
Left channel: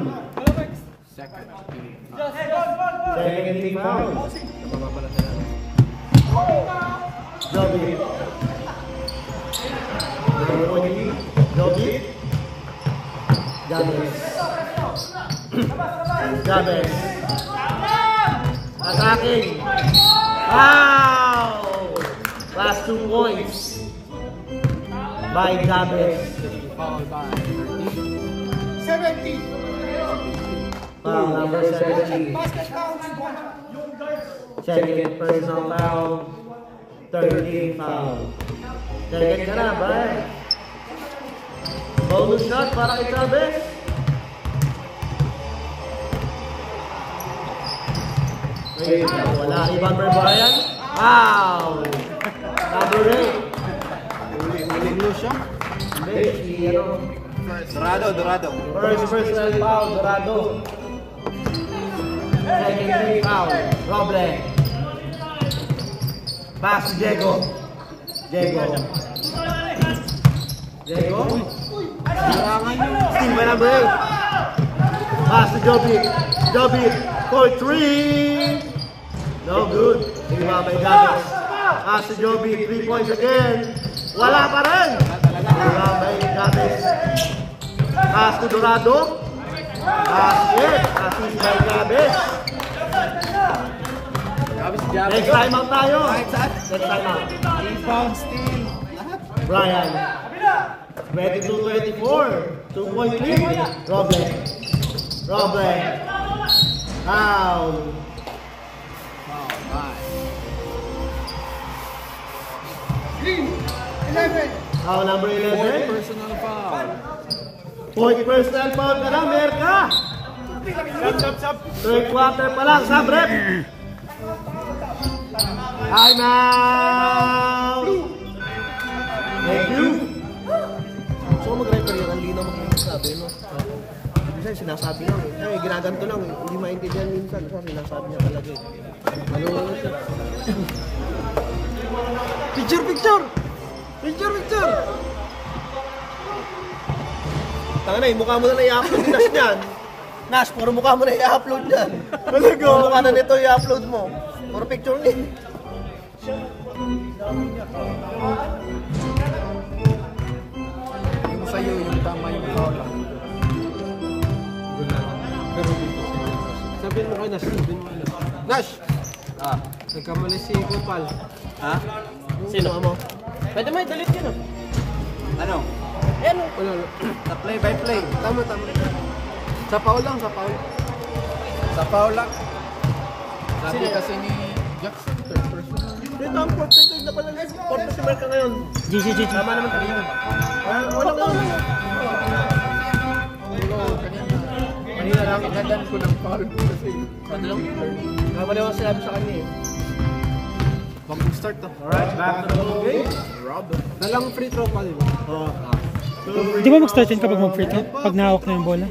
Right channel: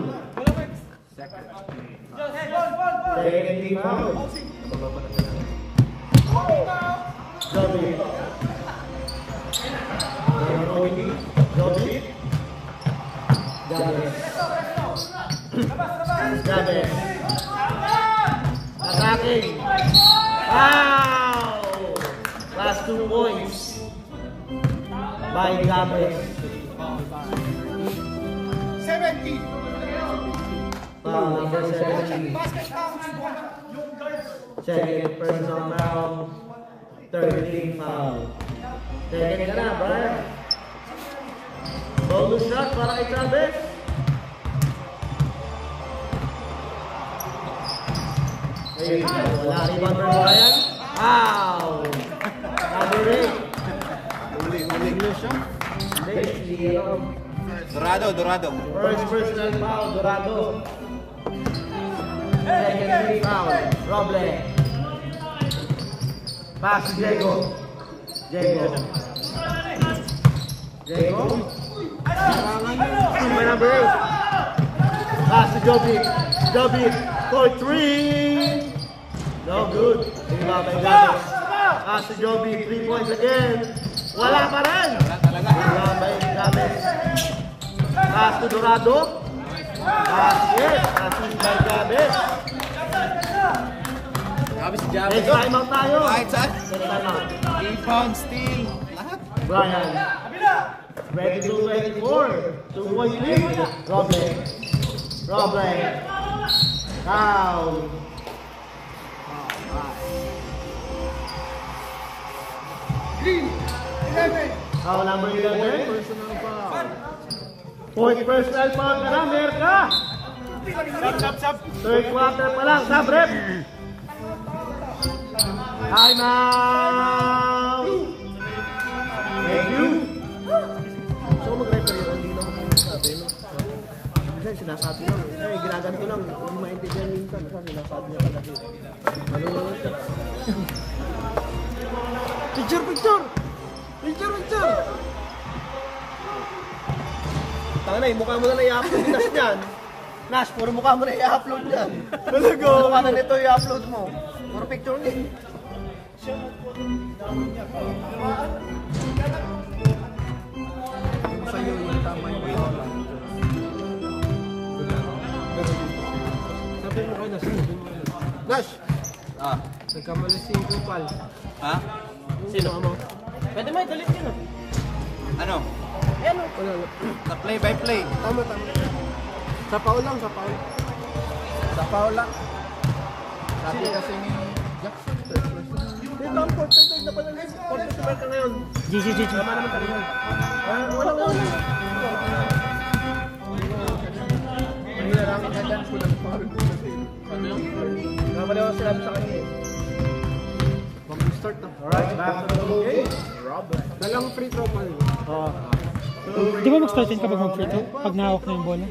Second team foul. Joby. Gabes. Attacking. Wow! Last 2 points. By Gabes. Foul number 70. Second personal foul. Third team foul. Second ka na, bye. Bonus shot para kay Gabes. Wala rebound for Brian. Wow! Number 8. Dorado. First personal foul, Dorado. Second team foul, Roble. Pass to Diego. Number 8. Pass to Joby. For 3. No good. Ibabay Gabes. Pass to Joby. 3 points again. Wala pa rin. Ibabay Gabes. Pass to Dorado. Assist by Gabes. Next time out tayo. Next time out. Rebound, steal. Brian. 22-24. 2.3. Roble. Foul. Foul number 11. Personal foul. Fourth personal foul pa lang, Merka. Third quarter pa lang, Sabrep. Time out. Thank you. So mag-referee ang hindi naman yung sabi mo. Kasi sinasabi lang eh. Ginaganto lang. Hindi maintindihan minsan. Kasi sinasabi niya talaga eh. Malulunod siya. Picture! Tanga na, yung mukha mo na i-upload Nash niyan. Nash, puro mukha mo na i-upload niyan. Talaga? Mukha na nito i-upload mo. Puro picture din. Yung sa'yo, yung tama yung bola. Sabihin mo kay Nash. Nash! Nagkamali si Kupal. Ha? Sino? Pwede mo i-delete yun ah. Ano? Yan o. Na play by play. Tama. Sa foul lang. Sa foul lang. Sabi kasi ni Jackson. Dito ang percentage na pala guys. 40 marka ngayon. GG. Tama naman tayo yun. Walang lang. Hindi na namin katan ko ng foul. Kasi Kapag ako sinabi sa kanya eh. mag-start na. Alright, back to the game. Dalang free throw pa rin. Di ba mag-start yun kapag mag-free throw? Pag nahawak na yung bola?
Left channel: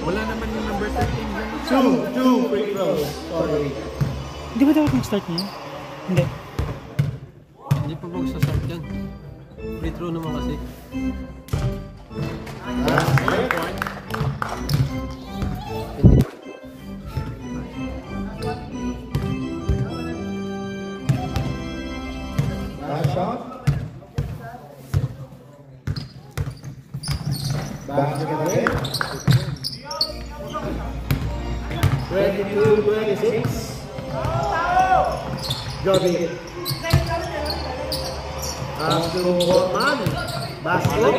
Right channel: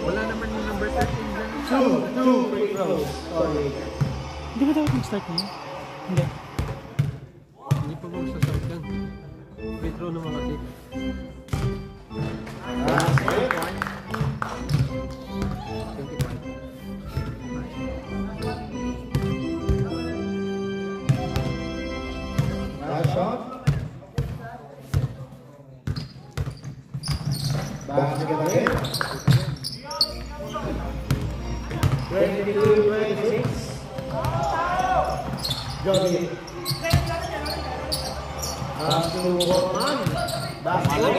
Wala naman yung number 13 dyan. Two free throws. Sorry. Di ba dapat mag-start na yun? Hindi. Hindi po magsasart yan. Free throw naman kasi. Last shot. Basket again. 22-26. Joby. Pass to Borman. Basket.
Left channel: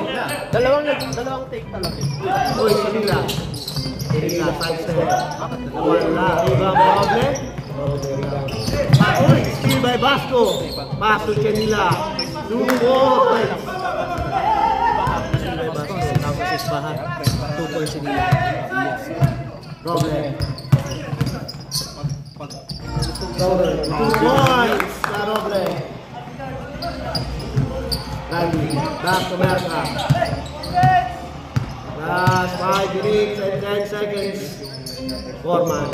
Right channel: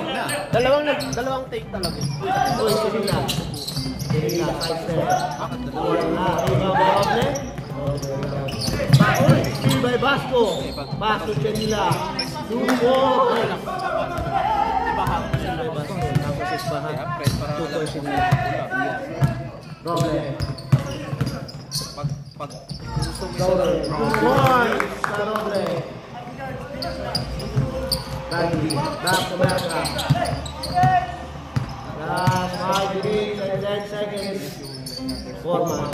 Dalawang take talaga. Uy, Sabila. Sabila, 5-7. Wala. Roble. Roble, rebound. Basco. Pass to Chenila. 2 points. Basco, tapos Isbahan. 2 points in Roble. 2 points sa Roble. Randy, back to Bertra. Last 5 minutes and 10 seconds. Foreman.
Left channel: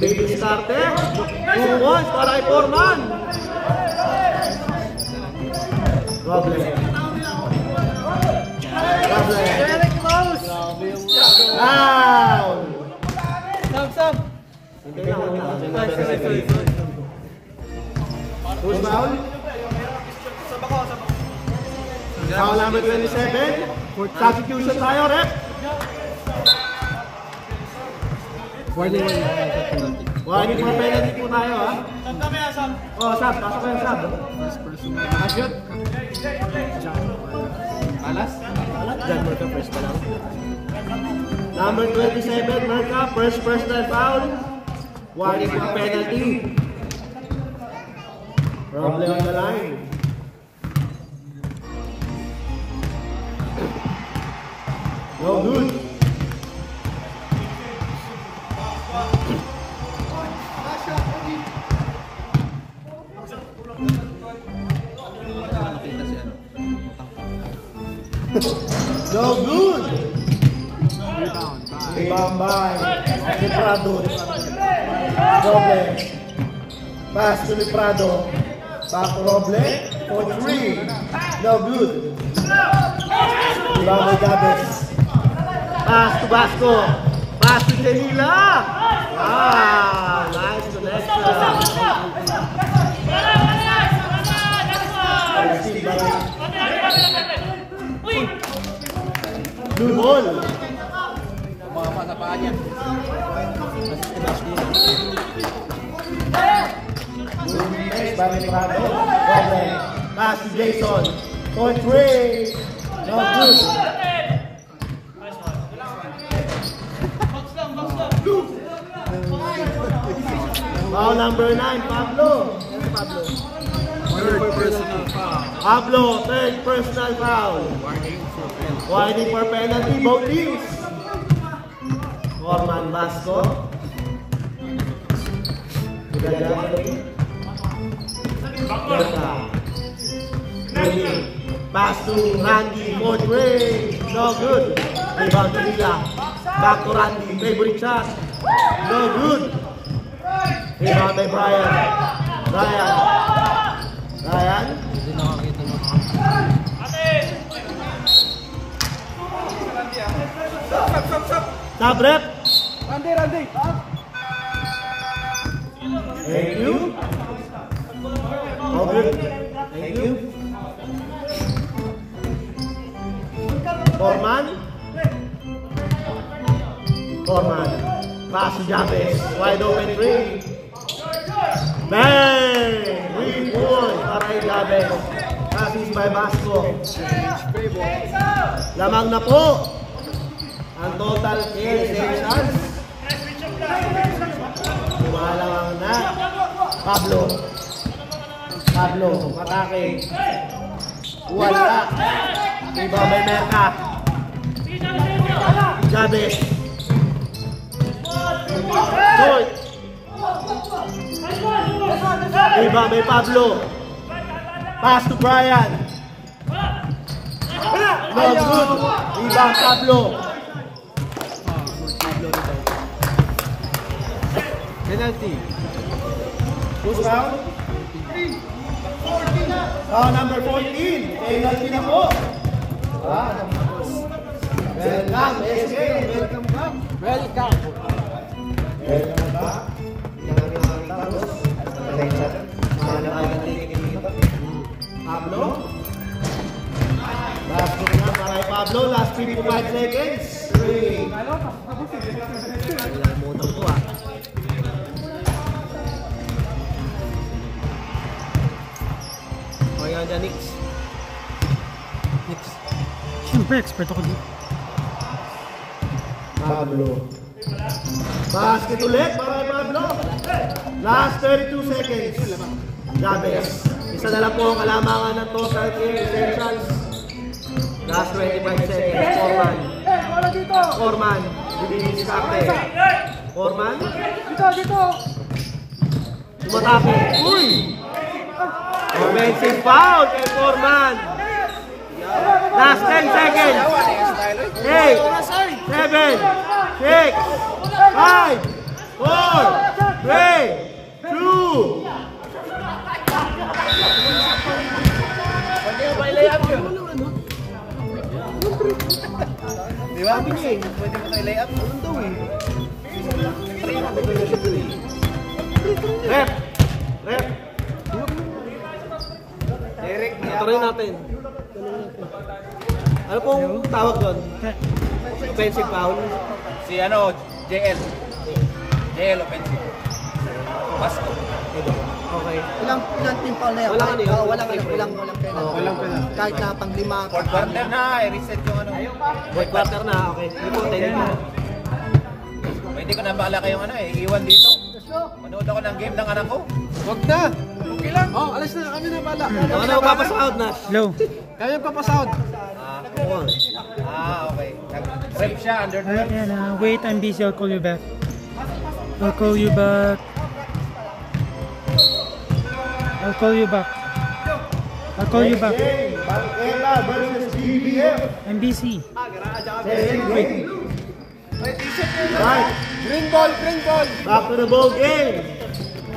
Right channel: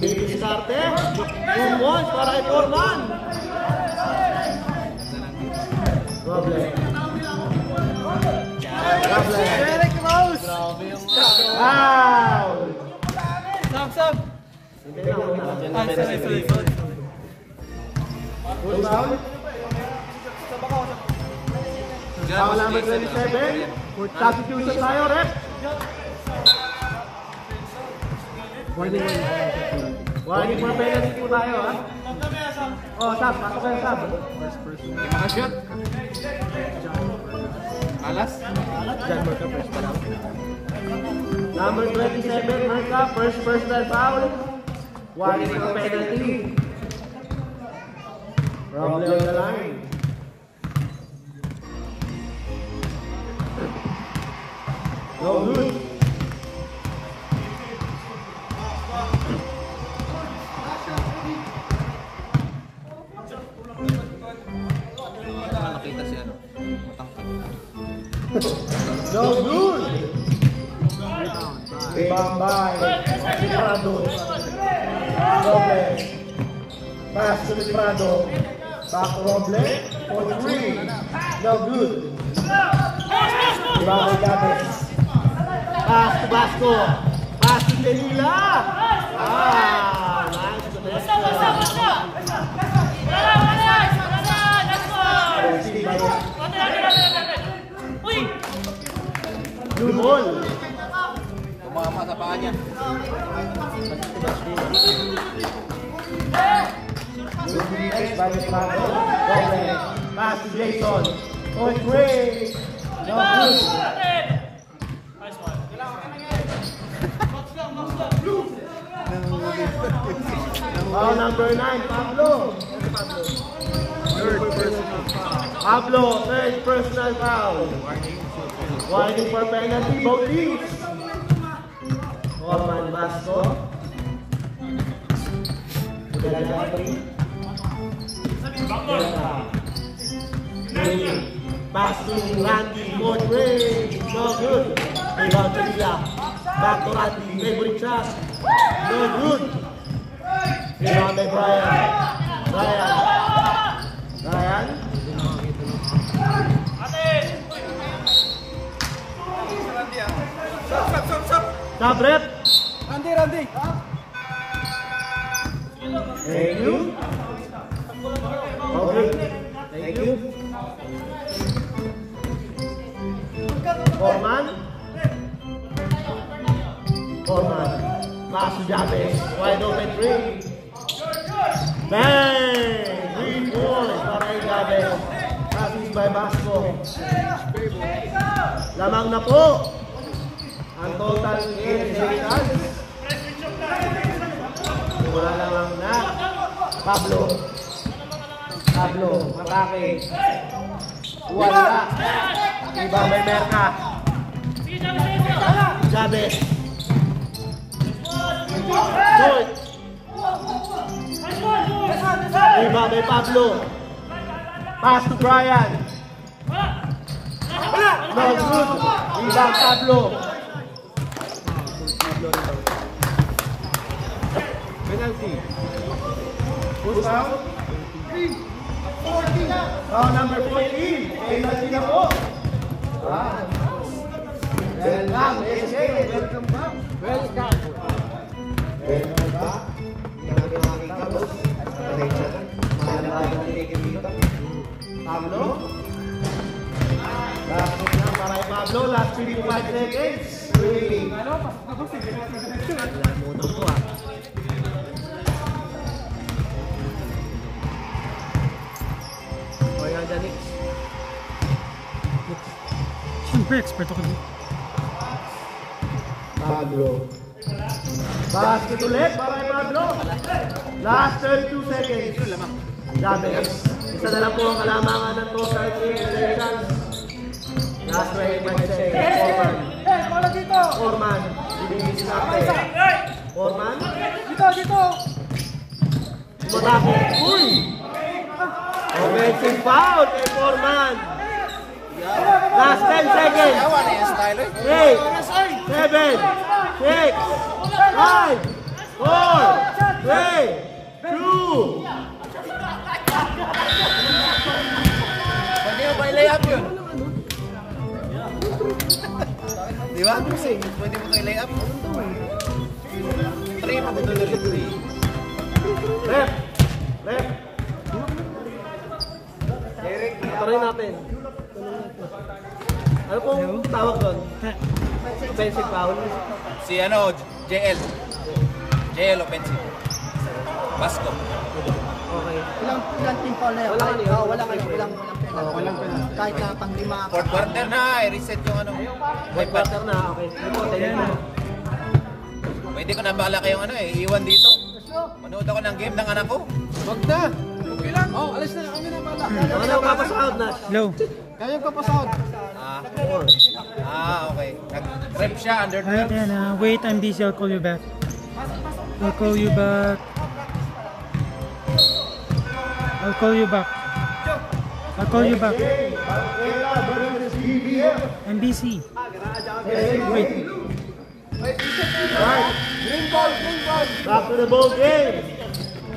Baby starter. 2 points para kay Foreman. Roble. Very close. Foul. Sab. Who's foul? Foul number 27. Substitution tayo, rep. Warning for penalty po tayo, ha? Oh, sab. Nasa ko yung sab. Nakashoot. Alas? Dyan mo ito, first time. Number 27, Merca. First personal foul. Warning for penalty. Problem on the line. Oh, good. No good. Ibambay. Liprado. Roble. Pass to Liprado. Back Roble. For 3. No good. Ibambay Gabes. Pass to Basco. Pass to Chenila. Nice connection. Blue ball. Tumama sa paa niya. Pass to Jason. For 3. No good. Foul number 9, Pablo. Pablo, third personal foul. Warning for penalty, both teams. Foreman Basco. Pass to Randy, Modray. No good. Rebound to Lila. Back to Randy, favorite shot. No good. Rebound by Brian. Stop rep. Randy. Thank you. Okay. Thank you. Foreman. Pass to Jabez. Wide open 3. Bang! 3 points para kay Jabez. Pass is by Basco. Lamang na po ang total realization. Lumalang na. Pablo, matake. Wala. Iba may Merca. Chavez. Short. Iba may Pablo. Pass to Brian. No good. Iba Pablo. Penalty. Who's foul? Foul number 14. Penalty na po. Welcome, SK. Welcome back. Welcome back. Hindi namin makikita, boss. Pablo. Last minute na para kay Pablo. Last 55 seconds. 3. Kaya na Nix. Siyempre, expert ako dito. Pablo. Basket ulit para kay Pablo. Last 32 seconds. Jabez. Isa na lang po ang kalamangan ng total essentials. Last 25 seconds. Orman. Bibigis karte. Orman. Dito. Tumatapos. Uy! Offensive foul kay Orman. Last 10 seconds. 8, 7, 6, 5, 4, 3, 2. Di ba? Pwede mo kayo layup. Rep. Derek, Tuloy natin. Ano pong tawag doon? Offensive foul? si JL. JL offensive. Basco. Okay. Ilang team foul na yun? Wala kayo. Walang penalty. Walang penalty. Kahit na pang 5. Fourth quarter na, reset yung Red quarter na. Okay. Pwede ko na malaki yung iwan dito. Manood ako ng game ng anak ko. Wag na. Okay lang. Oh, alas na kami na pala. Ano papasout na? Low. Kami papasout. Okay. Nag-rep siya under Alright, 12. yan. Wait, I'm busy. I'll call you back. I'll call you back. I'm busy. Wait. Green ball. Back to the ball game.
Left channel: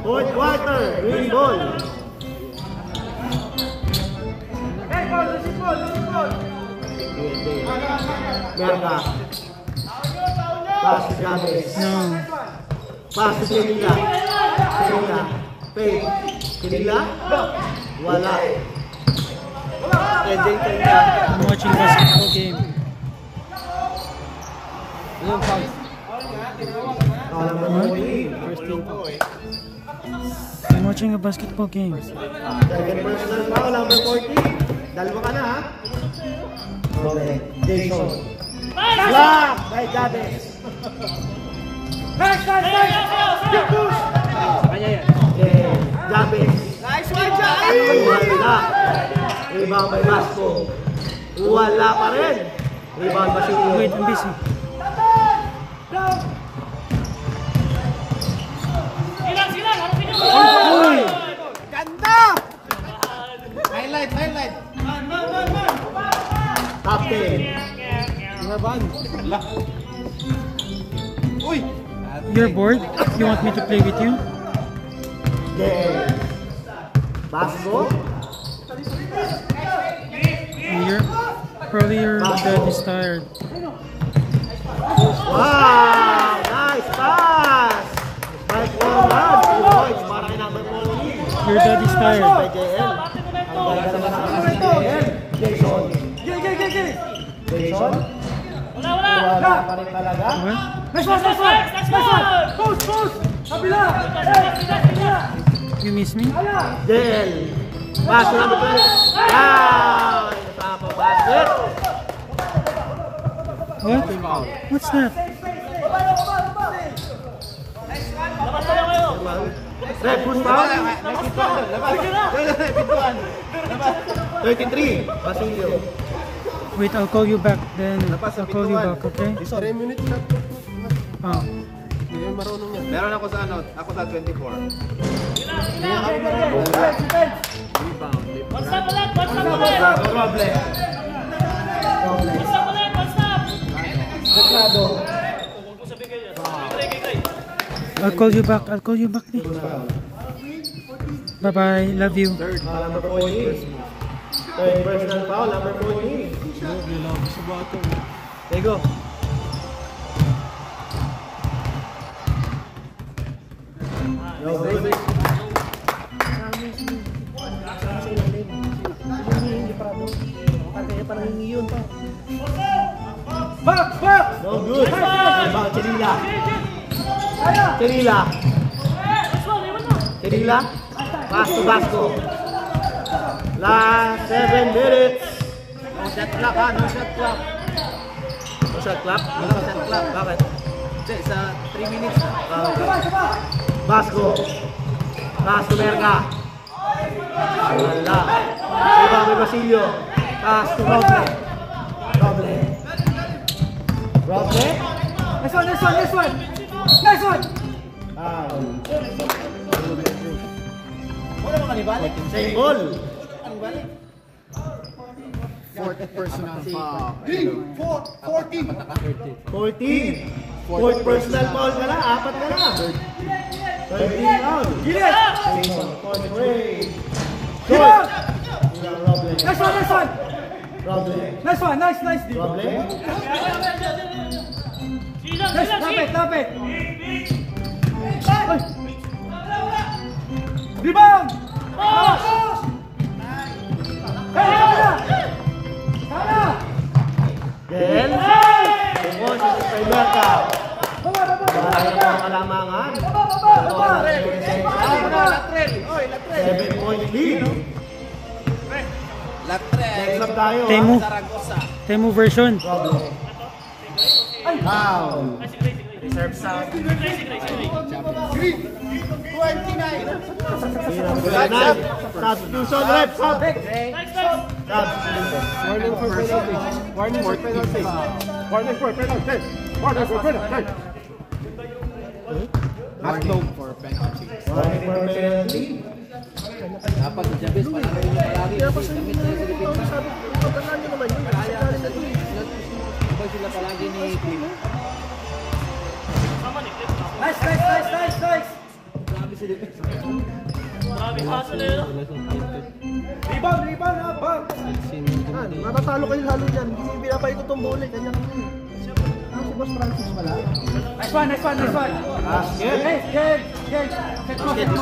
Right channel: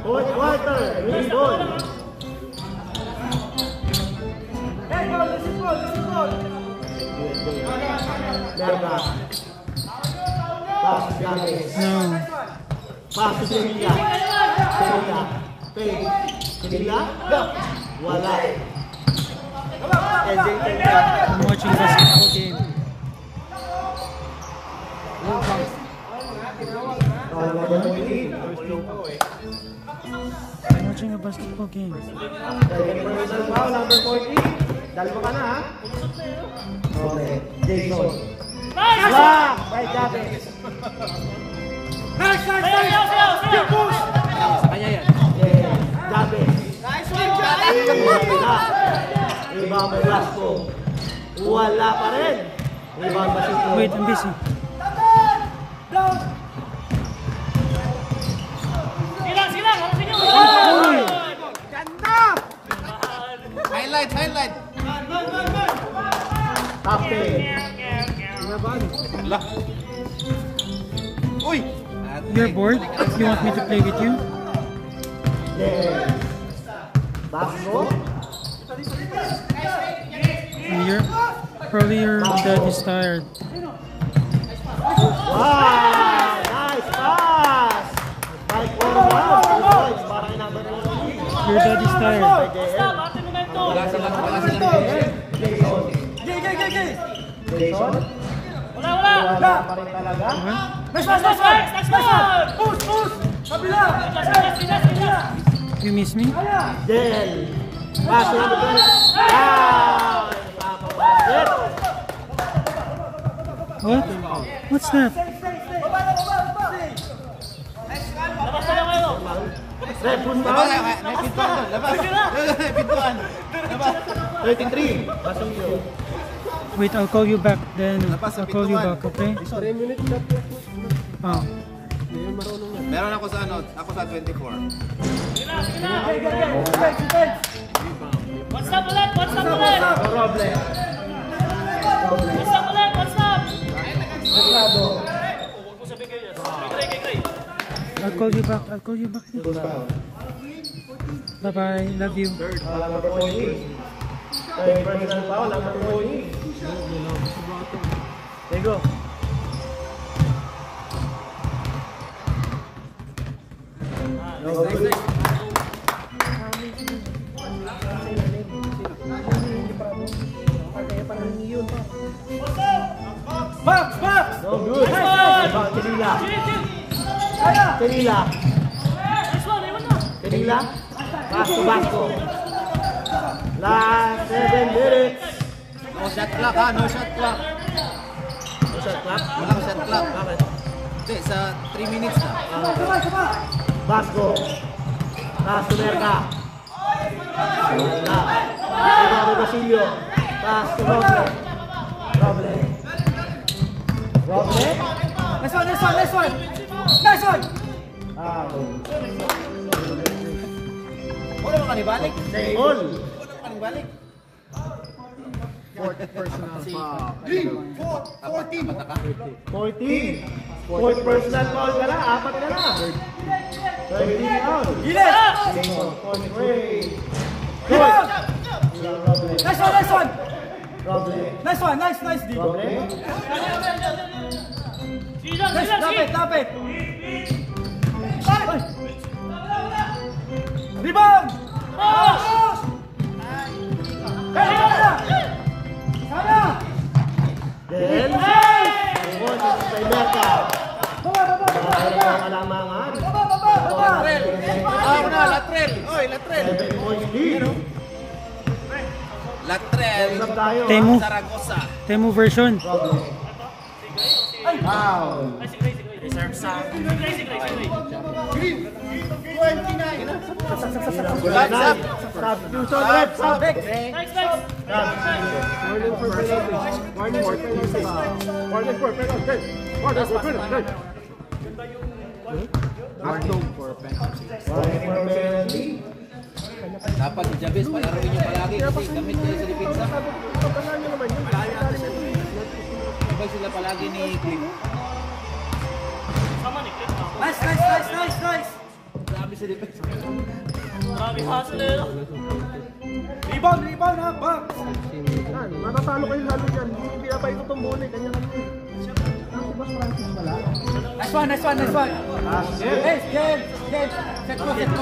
Fourth quarter. Green ball. Merda. Pass to Jabez. No. Pass to Sevilla. Sevilla. Wala. Ending time na. I'm watching basketball game. I'm watching a basketball game. Number 40. Dalawa ka na ha. Okay. Jason. Block by Jabez. Jabez. Rebound by Vasco. Wala pa rin. Rebound by Vasco. Wait, I'm busy. Highlight. Top 10. You're bored? You want me to play with you? Vasco. Probably your dad is tired. Wow! Nice pass! By Orman. 2 points para kay number 40. Your dad is tired. By JL. Ang ganda naman ng JL. Jason. Jason. Wala pa rin talaga. What? You miss me? JL. Pass to number 20. Wow! Napapabasket. What? What's that? Red foot foul. 33. Basilio. Wait, I'll call you back then. I'll call you back, okay? 3 minutes na. Ah. Hindi marunong yan. Meron ako sa ako sa 24. I'll call you back. Bye-bye. Love you. Number 14. Third personal foul, number 14. There you go. No good. Tirila. Vasco. Last 7 minutes. No shot clock ha, no shot clock. No shot clock. No shot clock. Bakit? Hindi, sa 3 minutes na. Vasco. Vasco. Taas to Merca. Wala. Rebound kay Basilio. Taas to Roble. Roble. Nice one, nice one, nice one. Nice one. Wala ka nibalik. Same goal. Fourth personal foul. 14. Fourth personal foul pala. 4 pala. 13 out. Gilid. Good. Nice one, nice one. Roble. Nice one, nice, nice. Roble. Nice, lapit, lapit. Rebound. Sana. Then, tungkol sa Merca. Kalamangan. Latrel. Oy, latrel. 7-point lead. Latrel. Next up tayo. Temu. Zaragoza. Temu version. Foul. Reserve sound. 29. Substitution rep. Warning for penalty. Dapat di Jabez palaruin niyo palagi kasi gamit nila sa depensa. Kapag sila palagi ni Clip. Nice, nice, nice, nice, nice. Grabe sa depensa. Rebound, rebound ha, back. Matatalo kayo lalo dyan. Hindi pinapay ko itong bola. Ganyan. Nice one, nice one, nice one. Yes, yes, yes. Set mo, set mo.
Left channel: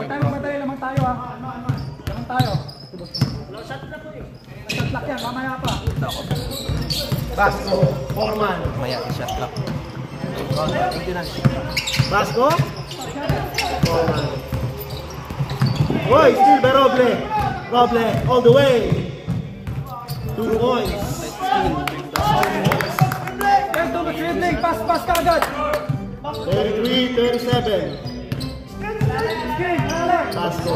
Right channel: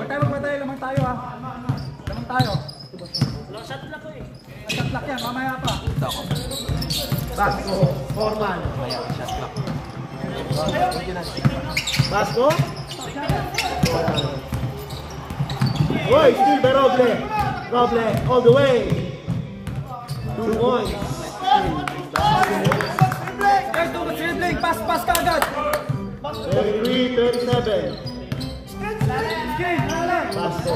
Pagtalo ba tayo, lamang tayo ha. Lamang tayo. Shot lock yan, mamaya pa. Vasco. Foreman. Mamaya, shot lock. Vasco. Foreman. Boy, still by Roble. Roble, all the way. 2 points. Hey, don't go dribbling. Pass, pass ka agad. 33-37. Screen, dale. Vasco.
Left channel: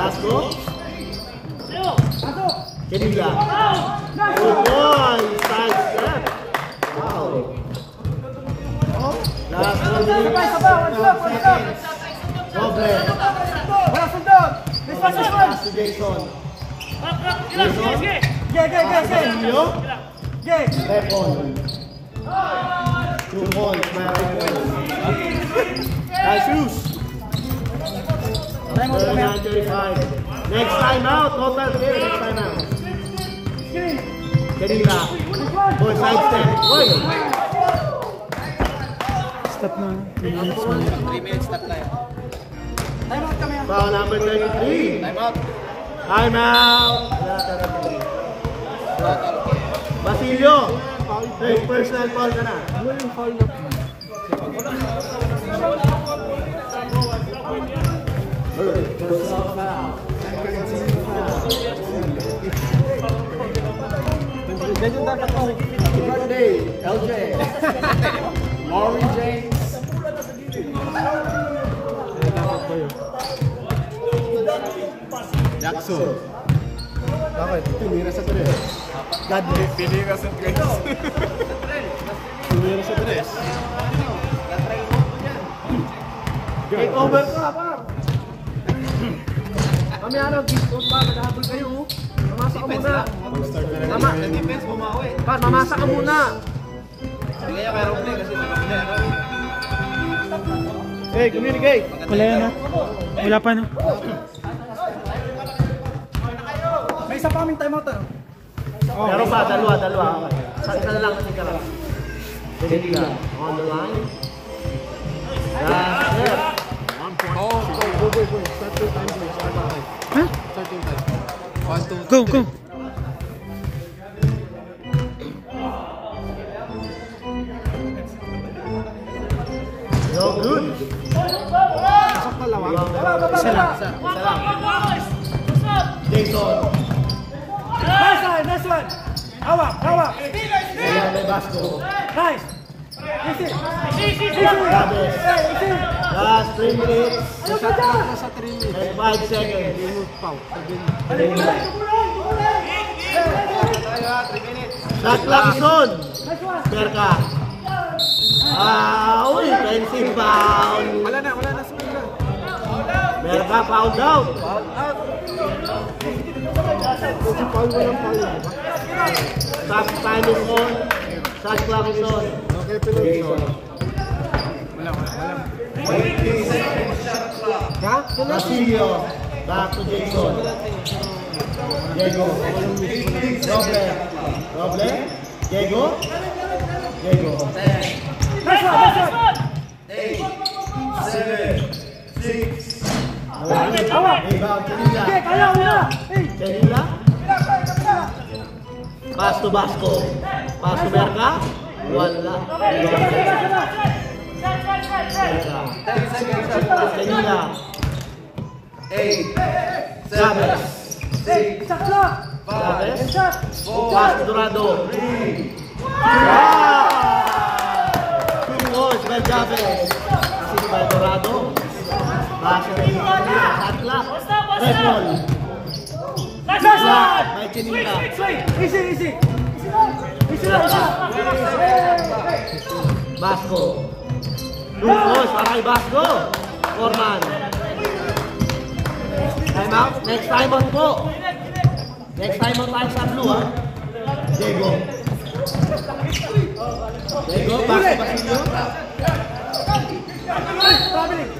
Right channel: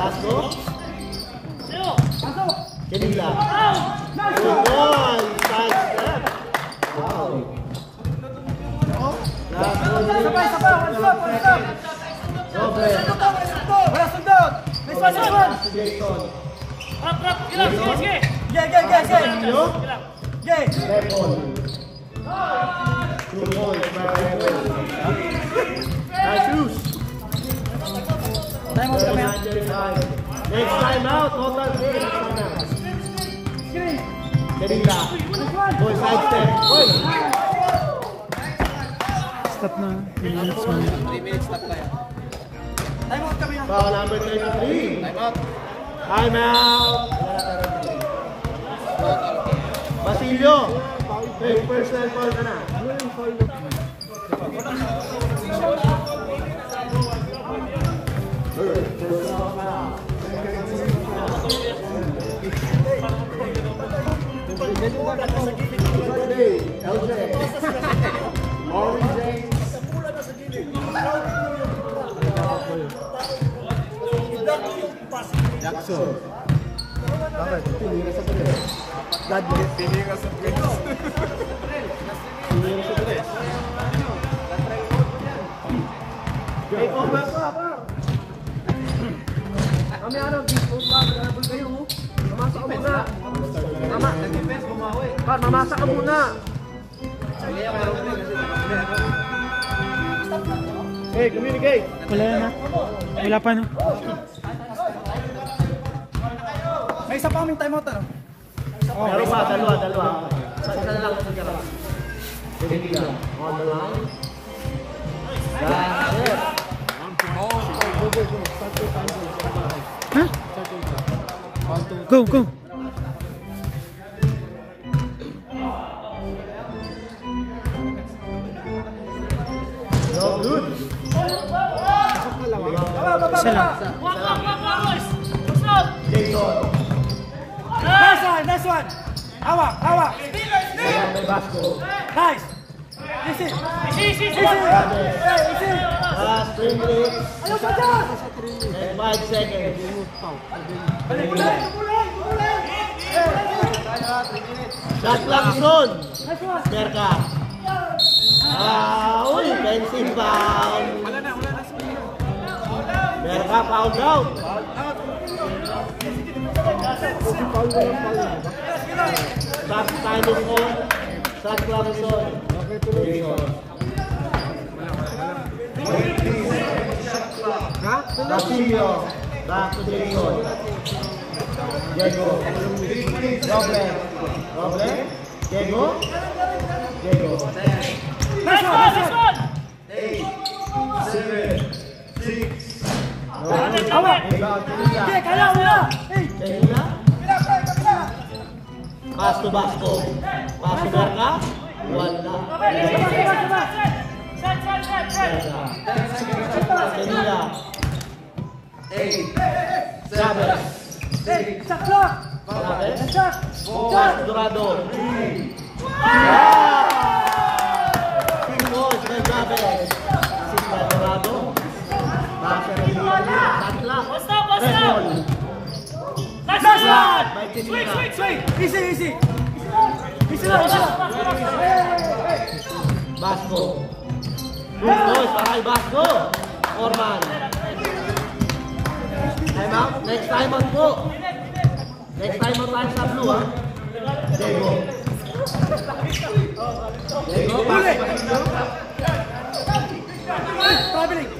Vasco. Pasok. Kedila. Nice Good one. boy. Side step. Wow. Last 2 minutes. Roble. Wala sundot. Nice one, nice one. Pass to Jason. Gay, gay, gay, gay. Yo. Gay. Pepon. 2 points. Nice shoes. 39-35. Next time out. Total game. Next time out. Kedila. Boy, side step. Boy. Stop na. 3 minutes stop tayo. Time out kami ha. Foul number 33. Time out. Time out. Basilio. Personal foul ka na. LJ. Laurie James. Jackson. Bakit? Tumira sa tres. Dudley, pili ka sa tres. Tumira sa tres. Take over pa, pa. Kami ano, kung makakabol kayo, mamasa ka muna. Tama. Pat, mamasa ka muna. Hey, communicate. Wala na. Wala pa no. May isa pa kaming time out. Meron pa, dalawa. Isa na lang kasi ka lang. Kedila, on the line. That's it. Oh, go. Start your time, boy. Huh? Start your time. 1, 2, Go, go. No good. Isa lang. Jason. Nice one, nice one. Hawak, hawak. Ayan, may Vasco. Nice. Easy. Easy. Easy. Last 3 3 minutes. Nasa 3 minutes. And 5 seconds. Remove foul. Shot clock is on. Merka. Uy, offensive foul. Wala na screen na. Merka, foul out. Kasi foul walang foul, di ba? Back time is on. Shot clock is on. Okay, tuloy. Castillo. Back to Jason. Diego. Problem. Diego. Nice one. 8, 7, 6. Rebound, Canila. Okay, kaya una. Hey. Canila. Pass to Basco. Pass to Merka. Wala. Canila. 8, Chavez. 6, Sakla. Chavez. 4, Pass to Dorado. 3. Two points by Chavez. Assist by Dorado. Pass to Atla. Redmond. Flat by Canila. Easy. Easy lang. Basco. Two points para kay Basco. Orman. Time out. Next time on po. Next time on tayo sa blue, ha? Diego. Pass to Castillo. Traveling.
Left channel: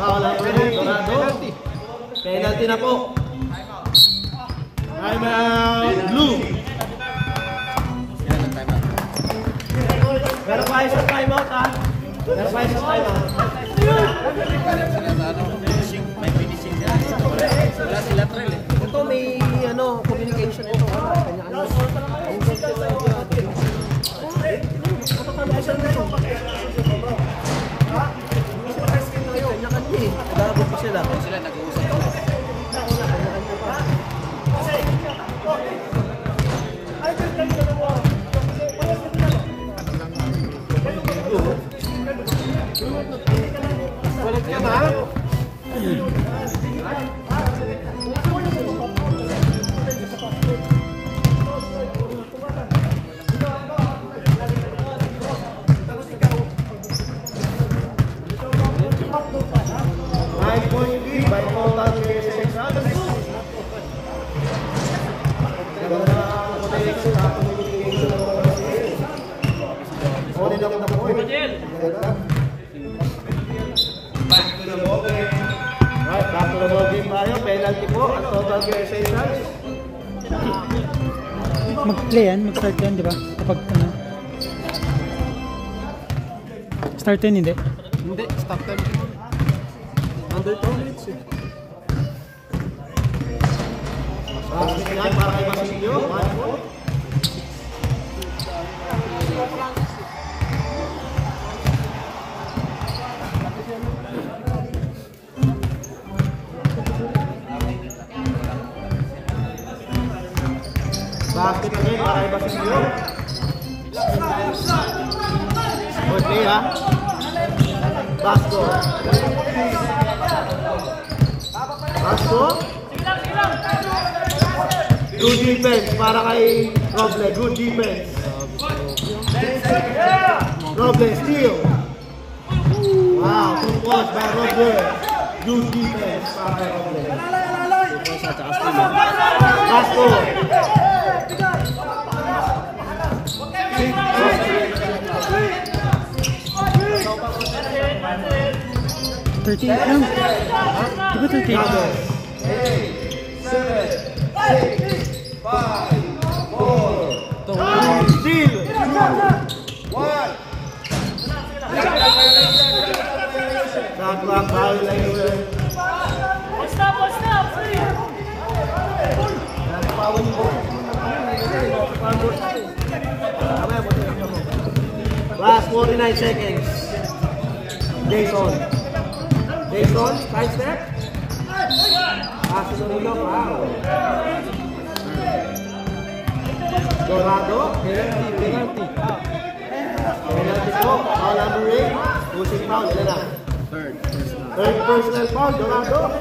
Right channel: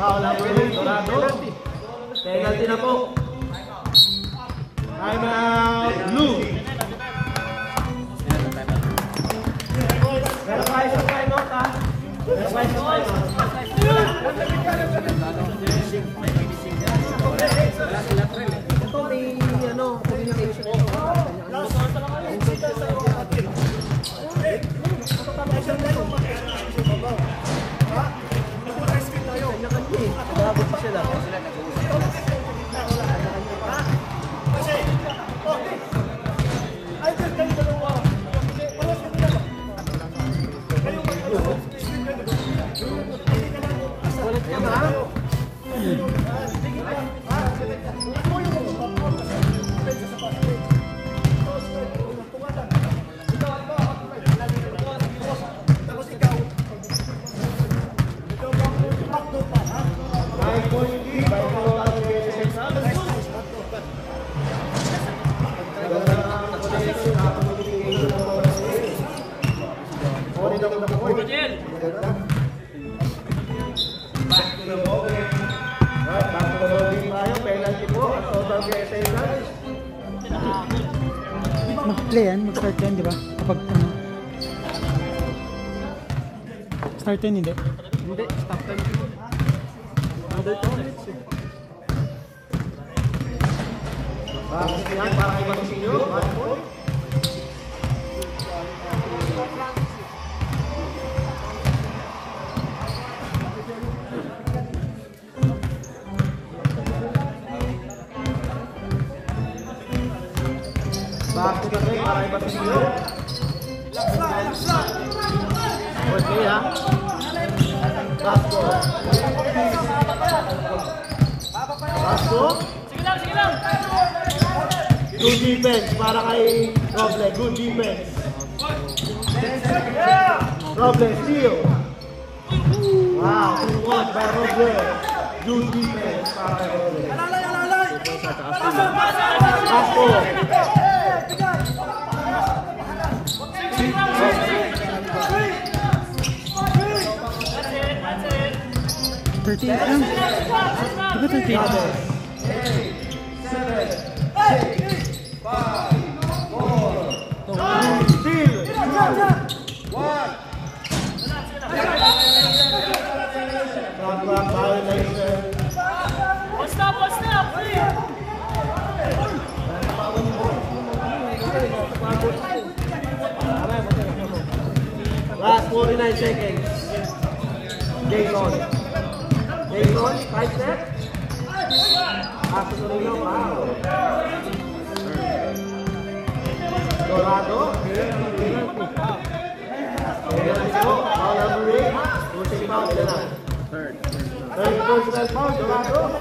Foul na yun. Penalty. Penalty na po. Time out. Blue. Pero pa isa time out, ha? Pero pa isa time out. Ito may communication ito. Nagabot pa sila. Mag-play yan, mag-start yan, di ba? Kapag ano. Start yan, hindi. Hindi, stop time. Under 2 minutes eh. Bakit yan? Para kayo naman sinyo? Bakit kami? Para kayo naman sinyo? Good play, ha? Basco. Good defense para kay Roble. Good defense. Roble steal. Wow, good watch by Roble. Good defense para kay Roble. Basco. 38 lang. Di ba 38? 7, 6, 5, 4, Steal. 2, 1. Shot violation. Last 49 seconds. Jason. Jason, side step. Paso na rin. Wow. Dorado. Penalty. Penalty po. Third personal foul, Dorado.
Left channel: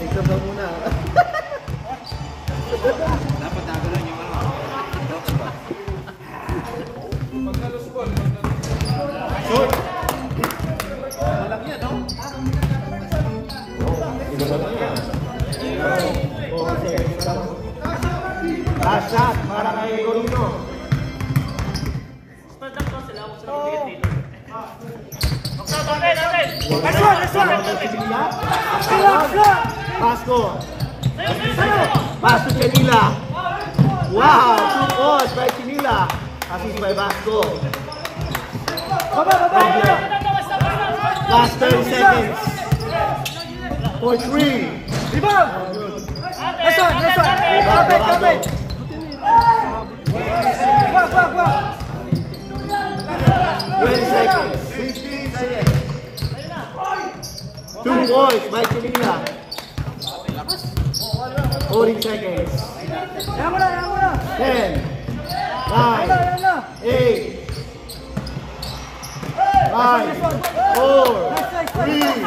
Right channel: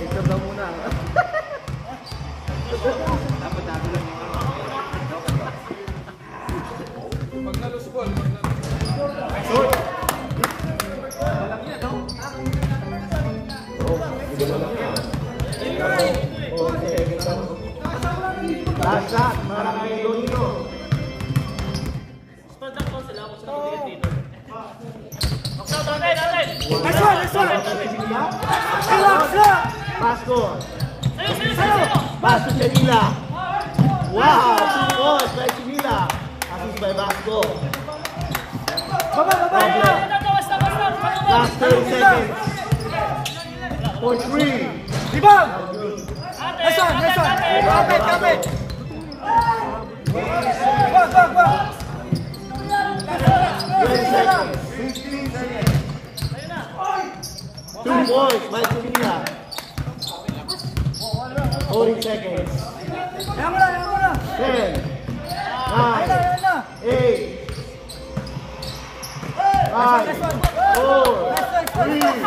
Tignan daw muna. Dapat nagulong yung Last shot para kay Dorino. Vasco. Pass to Chinila. Wow, 2 points by Chinila. Assist by Vasco. Last 30 seconds. For 3. Rebound! Nice one, nice one. Kapit. Wag. 20 seconds. 15 seconds. 2 points by Chinila. 40 seconds. Yan mo na. 10, 9, 8, 5, 4, 3,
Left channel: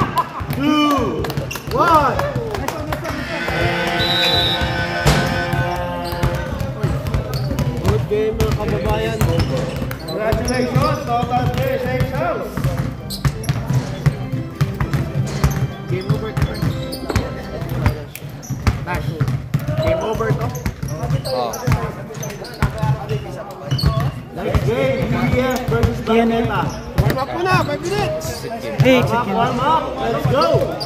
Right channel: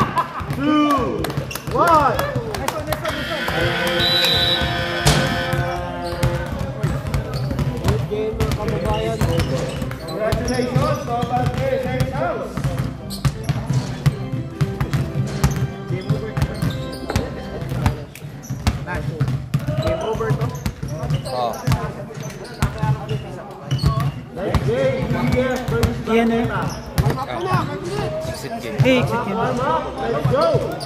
2, 1. Good game yung kababayan. Congratulations, total clear sections. Game over. Game over to. Next game, BDF versus Yan eh. Warm up muna, 5 minutes. Hey, exit yun. Warm up, let's go.